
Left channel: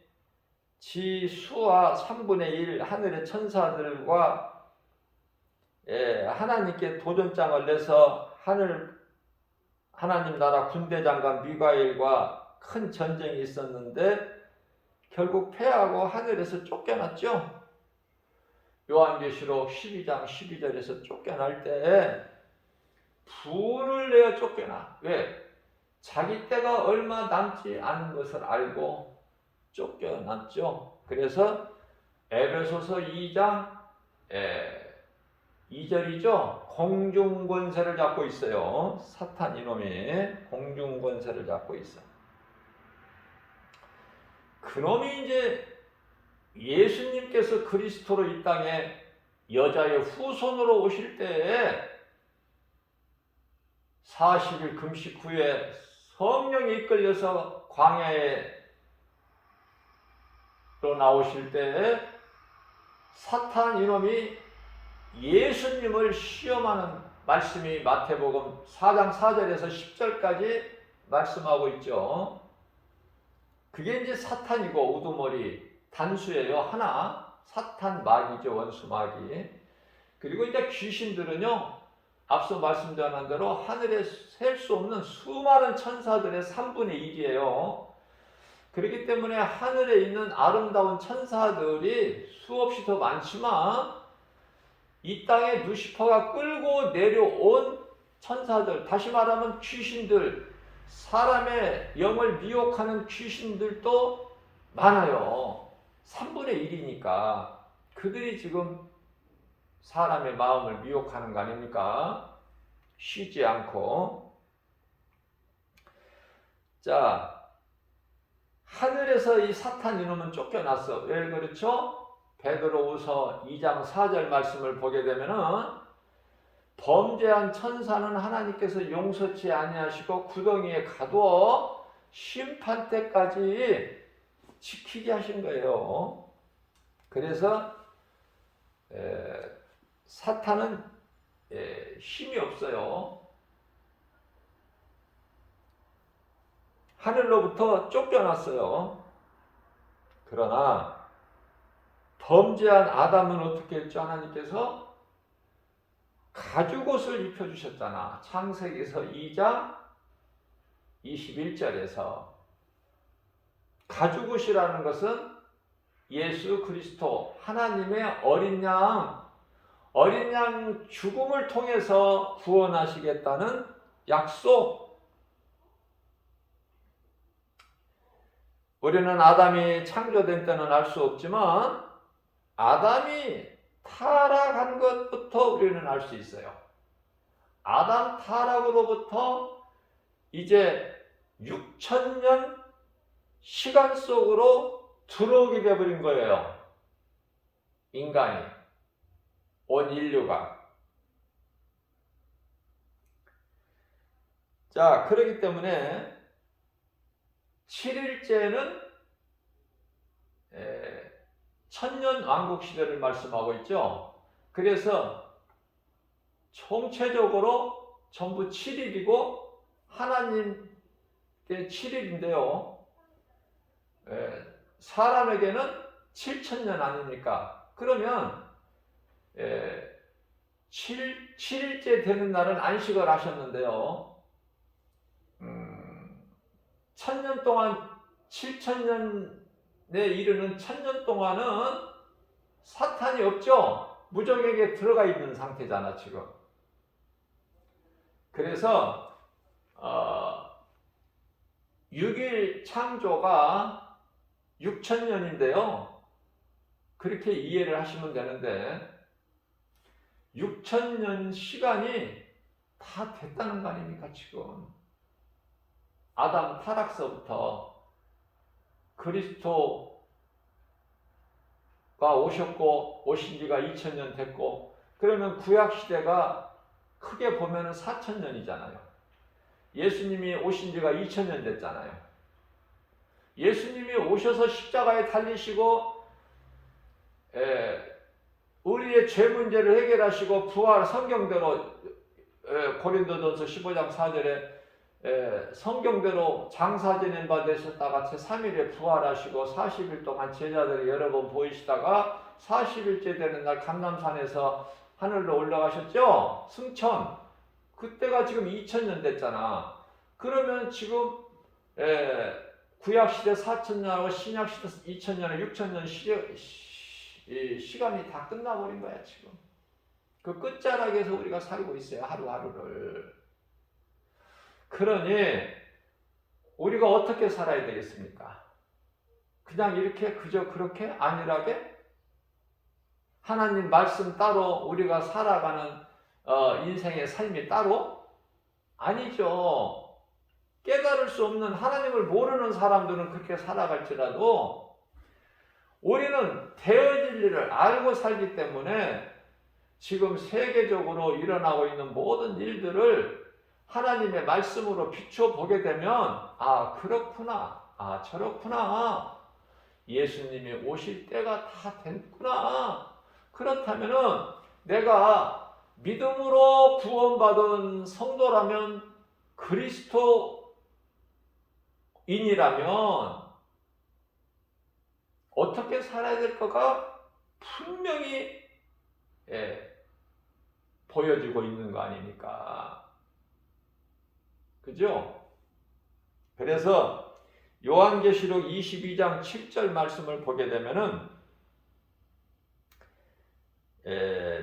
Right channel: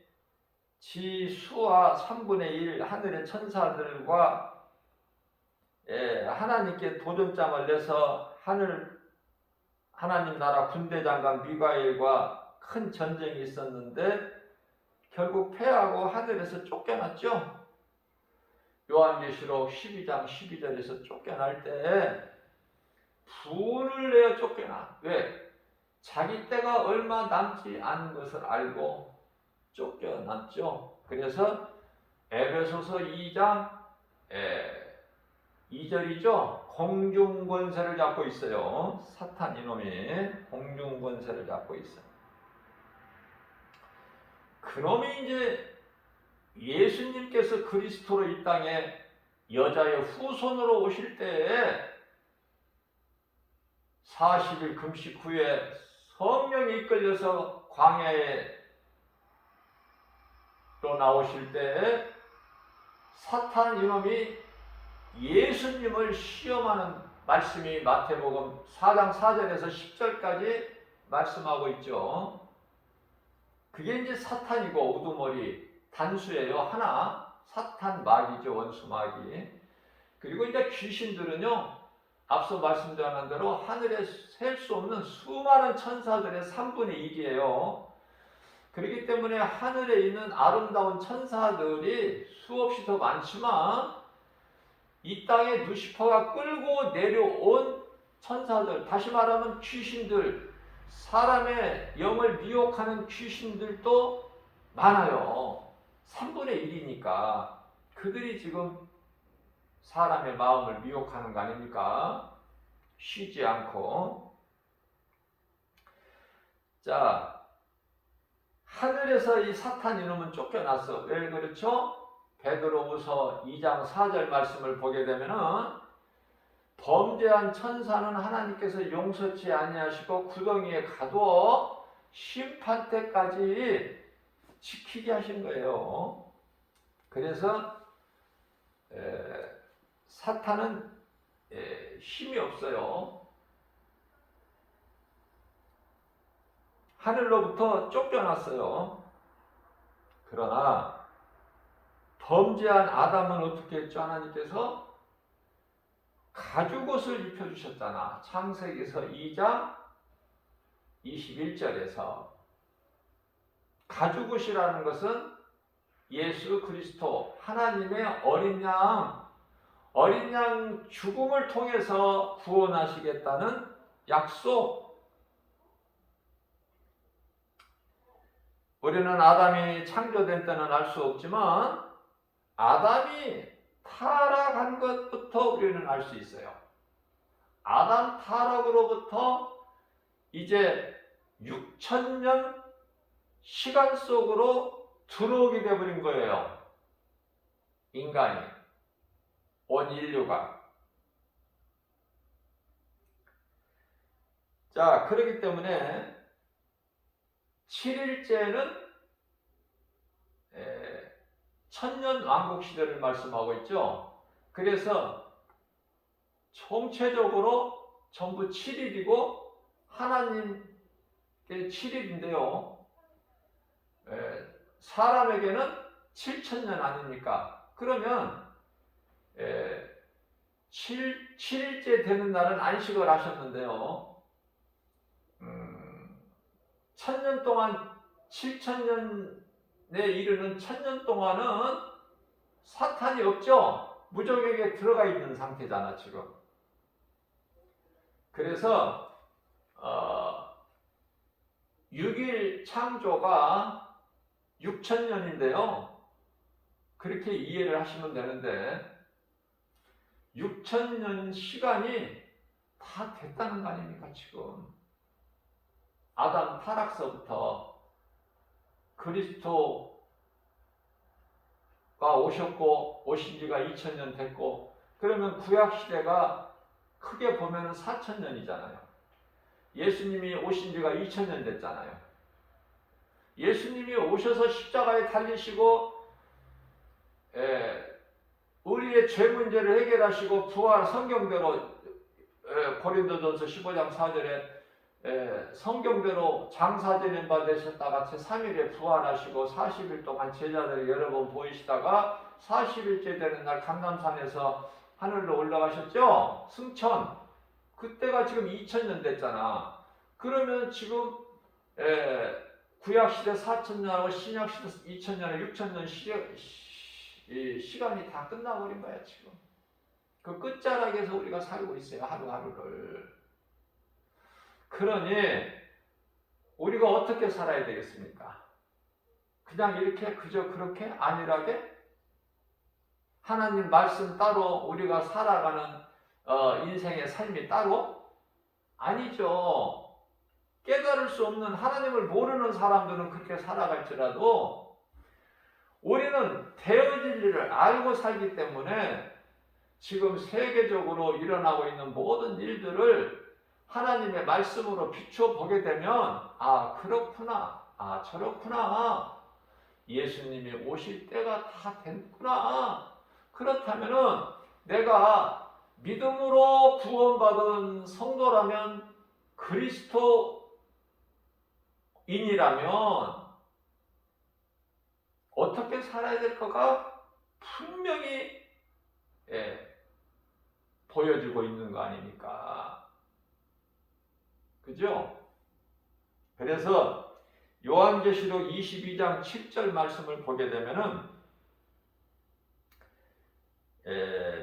지 수와 3분의 1 하늘의 천사들과 하나님께 도전장을 내서 하나님 나라 군대장관 미가엘과 큰 전쟁이 있었는데 결국 패하고 하늘에서 쫓겨났죠. 요한계시록 12장 12절에서 쫓겨날 때 분을 내어 쫓겨나. 왜? 자기 때가 얼마 남지 않은 것을 알고 쫓겨났죠. 그래서 에베소서 2장 2절이죠. 공중권세를 잡고 있어요. 사탄 이놈이 공중권세를 잡고 있어. 그놈이 이제 예수님께서 그리스도로 이 땅에 여자의 후손으로 오실 때에 40일 금식 후에 성령이 이끌려서 광야에 또 나오실 때 사탄 이놈이 예수님을 시험하는 말씀이 마태복음 4장 4절에서 10절까지 말씀하고 있죠. 그게 이제 사탄이고 우두머리 단수예요. 하나, 사탄 마귀죠. 원수 마귀. 그리고 이제 귀신들은요, 앞서 말씀드린 대로 하늘에 셀 수 없는 수많은 천사들의 3분의 1이에요. 그렇기 때문에 하늘에 있는 아름다운 천사들이 수없이 더 많지만 이 땅에 루시퍼가 끌고 내려온 천사들, 다시 말하면 귀신들, 사람의 영을 미혹하는 귀신들도 많아요. 3분의 1이니까 그들이 지금 사람의 마음을 미혹하는 거 아닙니까? 쉬지 않고. 자, 하늘에서 이 사탄 이놈은 쫓겨났어. 왜 그렇죠? 베드로후서 2장 4절 말씀을 보게 되면은 범죄한 천사는 하나님께서 용서치 아니하시고 구덩이에 가두어 심판 때까지 지키게 하신 거예요. 그래서 사탄은 힘이 없어요. 하늘로부터 쫓겨났어요. 그러나 범죄한 아담은 어떻게 했죠? 하나님께서 가죽옷을 입혀주셨잖아. 창세기에서 2장 21절에서 가죽옷이라는 것은 예수 그리스도 하나님의 어린 양 죽음을 통해서 구원하시겠다는 약속. 우리는 아담이 창조된 때는 알 수 없지만 아담이 타락한 것부터 우리는 알 수 있어요. 아담 타락으로부터 이제 6천년 시간 속으로 들어오게 되어버린 거예요. 인간이, 온 인류가. 자, 그렇기 때문에 7일째는 천년 왕국 시대를 말씀하고 있죠. 그래서 총체적으로 전부 7일이고 하나님의 7일인데요. 사람에게는 7천년 아닙니까? 그러면 7일째 되는 날은 안식을 하셨는데요. 천년 동안 7천년에 이르는 천년 동안은 사탄이 없죠. 무적에게 들어가 있는 상태잖아 지금. 그래서 6일 창조가 6천년인데요. 그렇게 이해를 하시면 되는데 6천년 시간이 다 됐다는 거 아닙니까 지금. 아담 타락서부터 그리스도가 오셨고 오신 지가 2000년 됐고, 그러면 구약시대가 크게 보면 4000년이잖아요. 예수님이 오신 지가 2000년 됐잖아요. 예수님이 오셔서 십자가에 달리시고 우리의 죄 문제를 해결하시고 부활, 성경대로 고린도전서 15장 4절에 성경대로 장사되는 바 되셨다가 제3일에 부활하시고 40일 동안 제자들이 여러 번 보이시다가 40일째 되는 날 감람산에서 하늘로 올라가셨죠? 승천. 그때가 지금 2000년 됐잖아. 그러면 지금 구약시대 4000년하고 신약시대 2000년, 6000년 시간이 다 끝나버린 거야 지금. 그 끝자락에서 우리가 살고 있어요, 하루하루를. 그러니 우리가 어떻게 살아야 되겠습니까? 그냥 이렇게 그저 그렇게 안일하게 하나님 말씀 따로 우리가 살아가는 인생의 삶이 따로? 아니죠. 깨달을 수 없는, 하나님을 모르는 사람들은 그렇게 살아갈지라도 우리는 되어질 일을 알고 살기 때문에 지금 세계적으로 일어나고 있는 모든 일들을 하나님의 말씀으로 비춰보게 되면 아 그렇구나, 아 저렇구나, 예수님이 오실 때가 다 됐구나. 그렇다면은 내가 믿음으로 구원받은 성도라면, 그리스도인이라면 어떻게 살아야 될 거가 분명히 보여지고 있는 거 아닙니까? 그죠? 그래서 요한계시록 22장 7절 말씀을 보게 되면은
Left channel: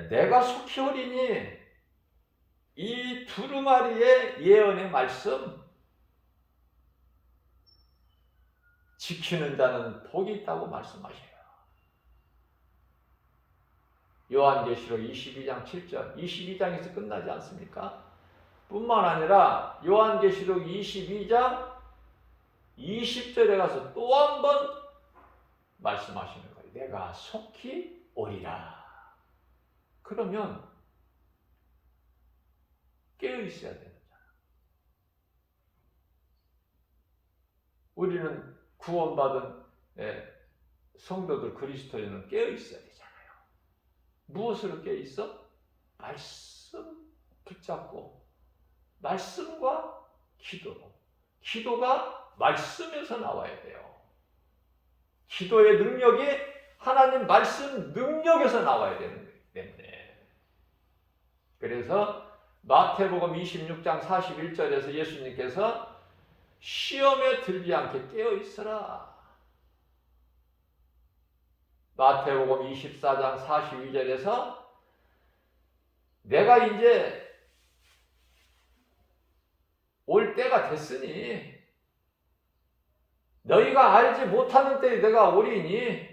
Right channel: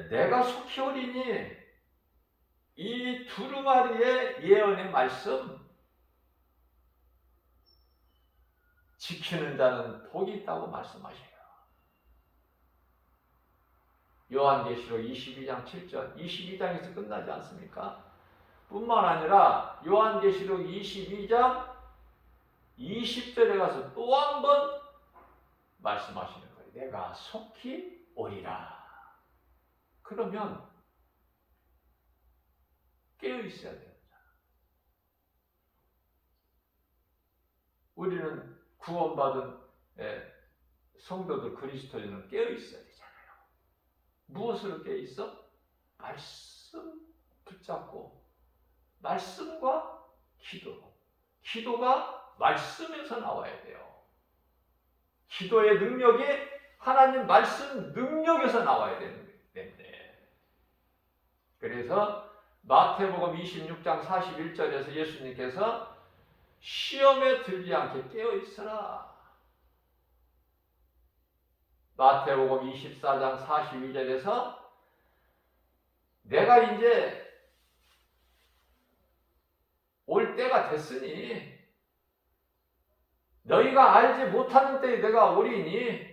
내가 속히 오리니 이 두루마리의 예언의 말씀 지키는 자는 복이 있다고 말씀하셔요. 요한계시록 22장 7절, 22장에서 끝나지 않습니까? 뿐만 아니라 요한계시록 22장 20절에 가서 또 한 번 말씀하시는 거예요. 내가 속히 오리라. 그러면 깨어 있어야 됩니다. 우리는 구원받은 성도들 그리스도인은 깨어 있어야 되잖아요. 무엇으로 깨어 있어? 말씀 붙잡고 말씀과 기도. 기도가 말씀에서 나와야 돼요. 기도의 능력이 하나님 말씀 능력에서 나와야 되는 거기 때문에. 그래서 마태복음 26장 41절에서 예수님께서 시험에 들지 않게 깨어 있으라. 마태복음 24장 42절에서 내가 이제 올 때가 됐으니 너희가 알지 못하는 때에 내가 오리니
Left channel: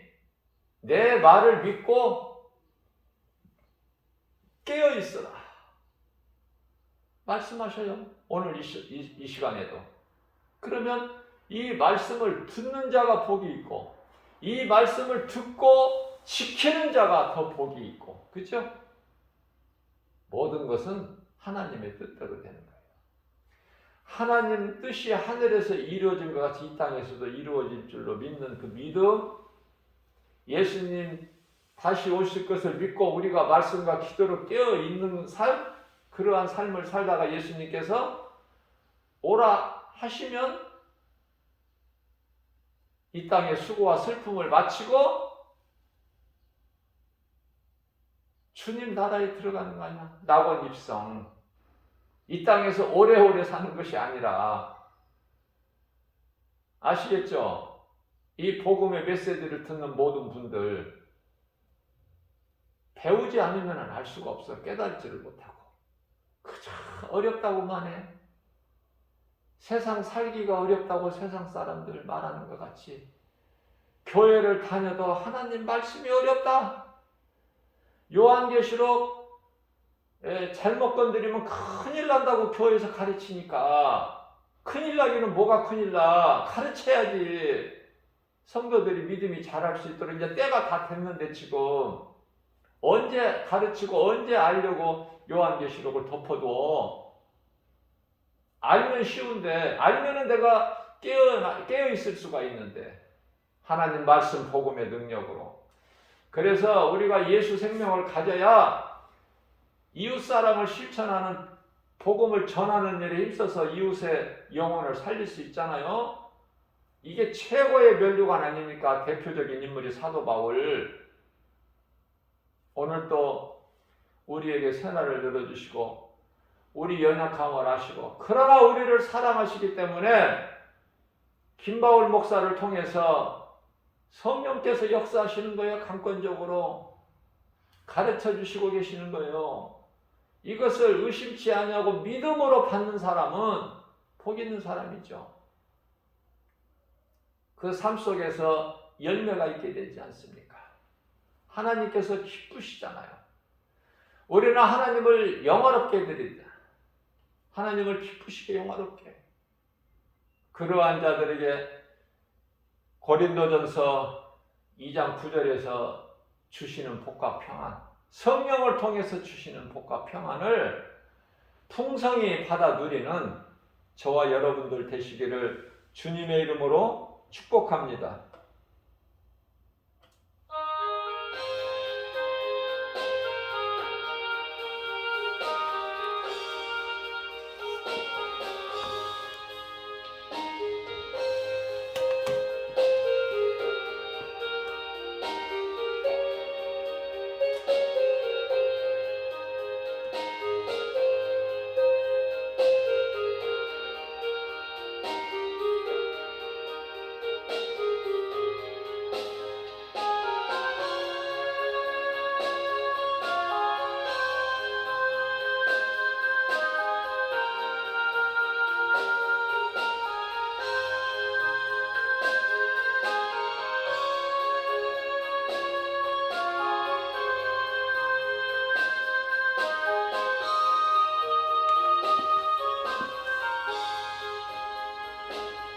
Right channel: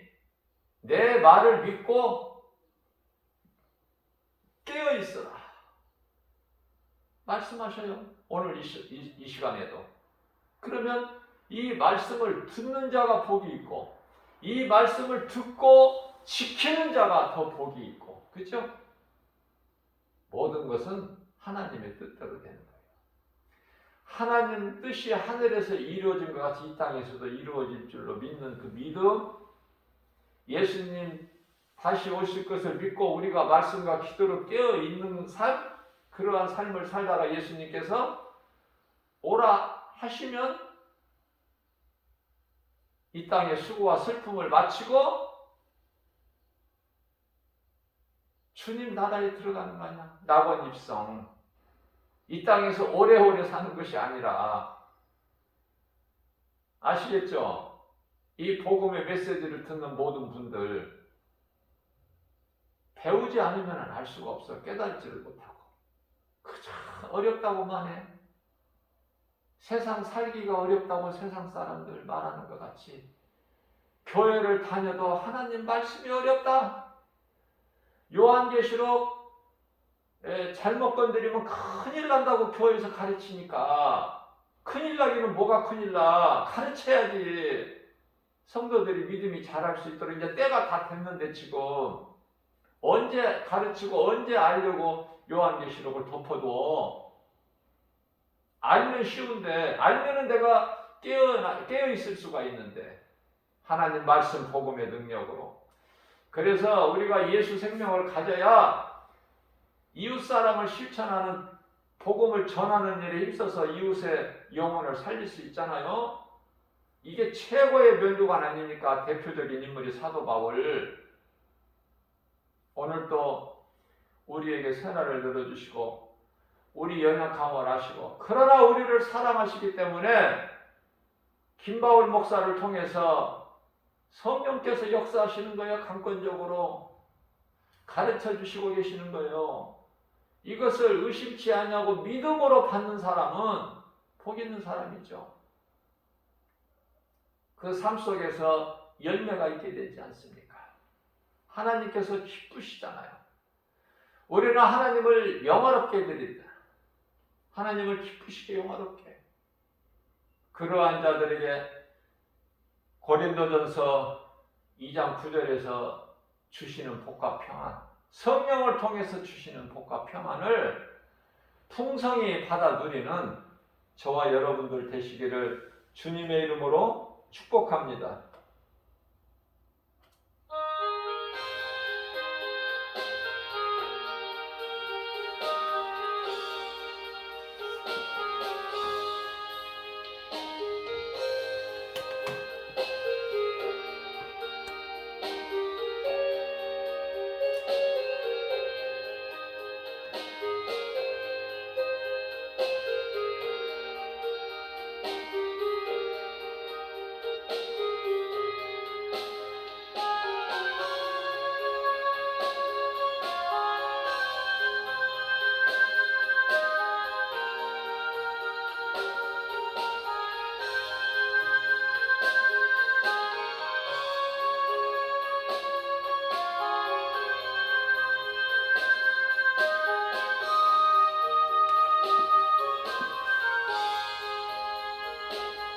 내 말을 믿고 깨어 있어라. 말씀하셔요. 오늘 이 시간에도. 그러면 이 말씀을 듣는 자가 복이 있고 이 말씀을 듣고 지키는 자가 더 복이 있고, 그렇죠? 모든 것은 하나님의 뜻대로 되는 거예요. 하나님 뜻이 하늘에서 이루어진 것 같이 이 땅에서도 이루어질 줄로 믿는 그 믿음, 예수님 다시 오실 것을 믿고 우리가 말씀과 기도로 깨어 있는 삶, 그러한 삶을 살다가 예수님께서 오라 하시면 이 땅의 수고와 슬픔을 마치고 주님 나라에 들어가는 거 아니야. 낙원 입성. 이 땅에서 오래오래 사는 것이 아니라, 아시겠죠? 이 복음의 메시지를 듣는 모든 분들, 배우지 않으면 알 수가 없어. 깨달지를 못하고. 그저 어렵다고만 해. 세상 살기가 어렵다고 세상 사람들 말하는 것 같이 교회를 다녀도 하나님 말씀이 어렵다. 요한계시록 잘못 건드리면 큰일 난다고 교회에서 가르치니까, 큰일 나기는 뭐가 큰일 나. 가르쳐야지. 성도들이 믿음이 자랄 수 있도록. 이제 때가 다 됐는데 지금 언제 가르치고 언제 알려고 요한계시록을 덮어둬. 알면 쉬운데, 알면은 내가 깨어 있을 수가 있는데, 하나님 말씀 복음의 능력으로. 그래서 우리가 예수 생명을 가져야 이웃 사람을 실천하는, 복음을 전하는 일에 있어서 이웃의 영혼을 살릴 수 있잖아요. 이게 최고의 면류관 아닙니까? 대표적인 인물이 사도 바울. 오늘 또 우리에게 새날을 열어주시고 우리 연약함을 아시고, 그러나 우리를 사랑하시기 때문에 김바울 목사를 통해서 성령께서 역사하시는 거예요. 강권적으로 가르쳐 주시고 계시는 거예요. 이것을 의심치 않냐고 믿음으로 받는 사람은 복 있는 사람이죠. 그 삶 속에서 열매가 있게 되지 않습니까? 하나님께서 기쁘시잖아요. 우리는 하나님을 영화롭게 드린다. 하나님을 기쁘시게 영화롭게. 그러한 자들에게 고린도전서 2장 9절에서 주시는 복과 평안, 성령을 통해서 주시는 복과 평안을 풍성히 받아 누리는 저와 여러분들 되시기를 주님의 이름으로 축복합니다.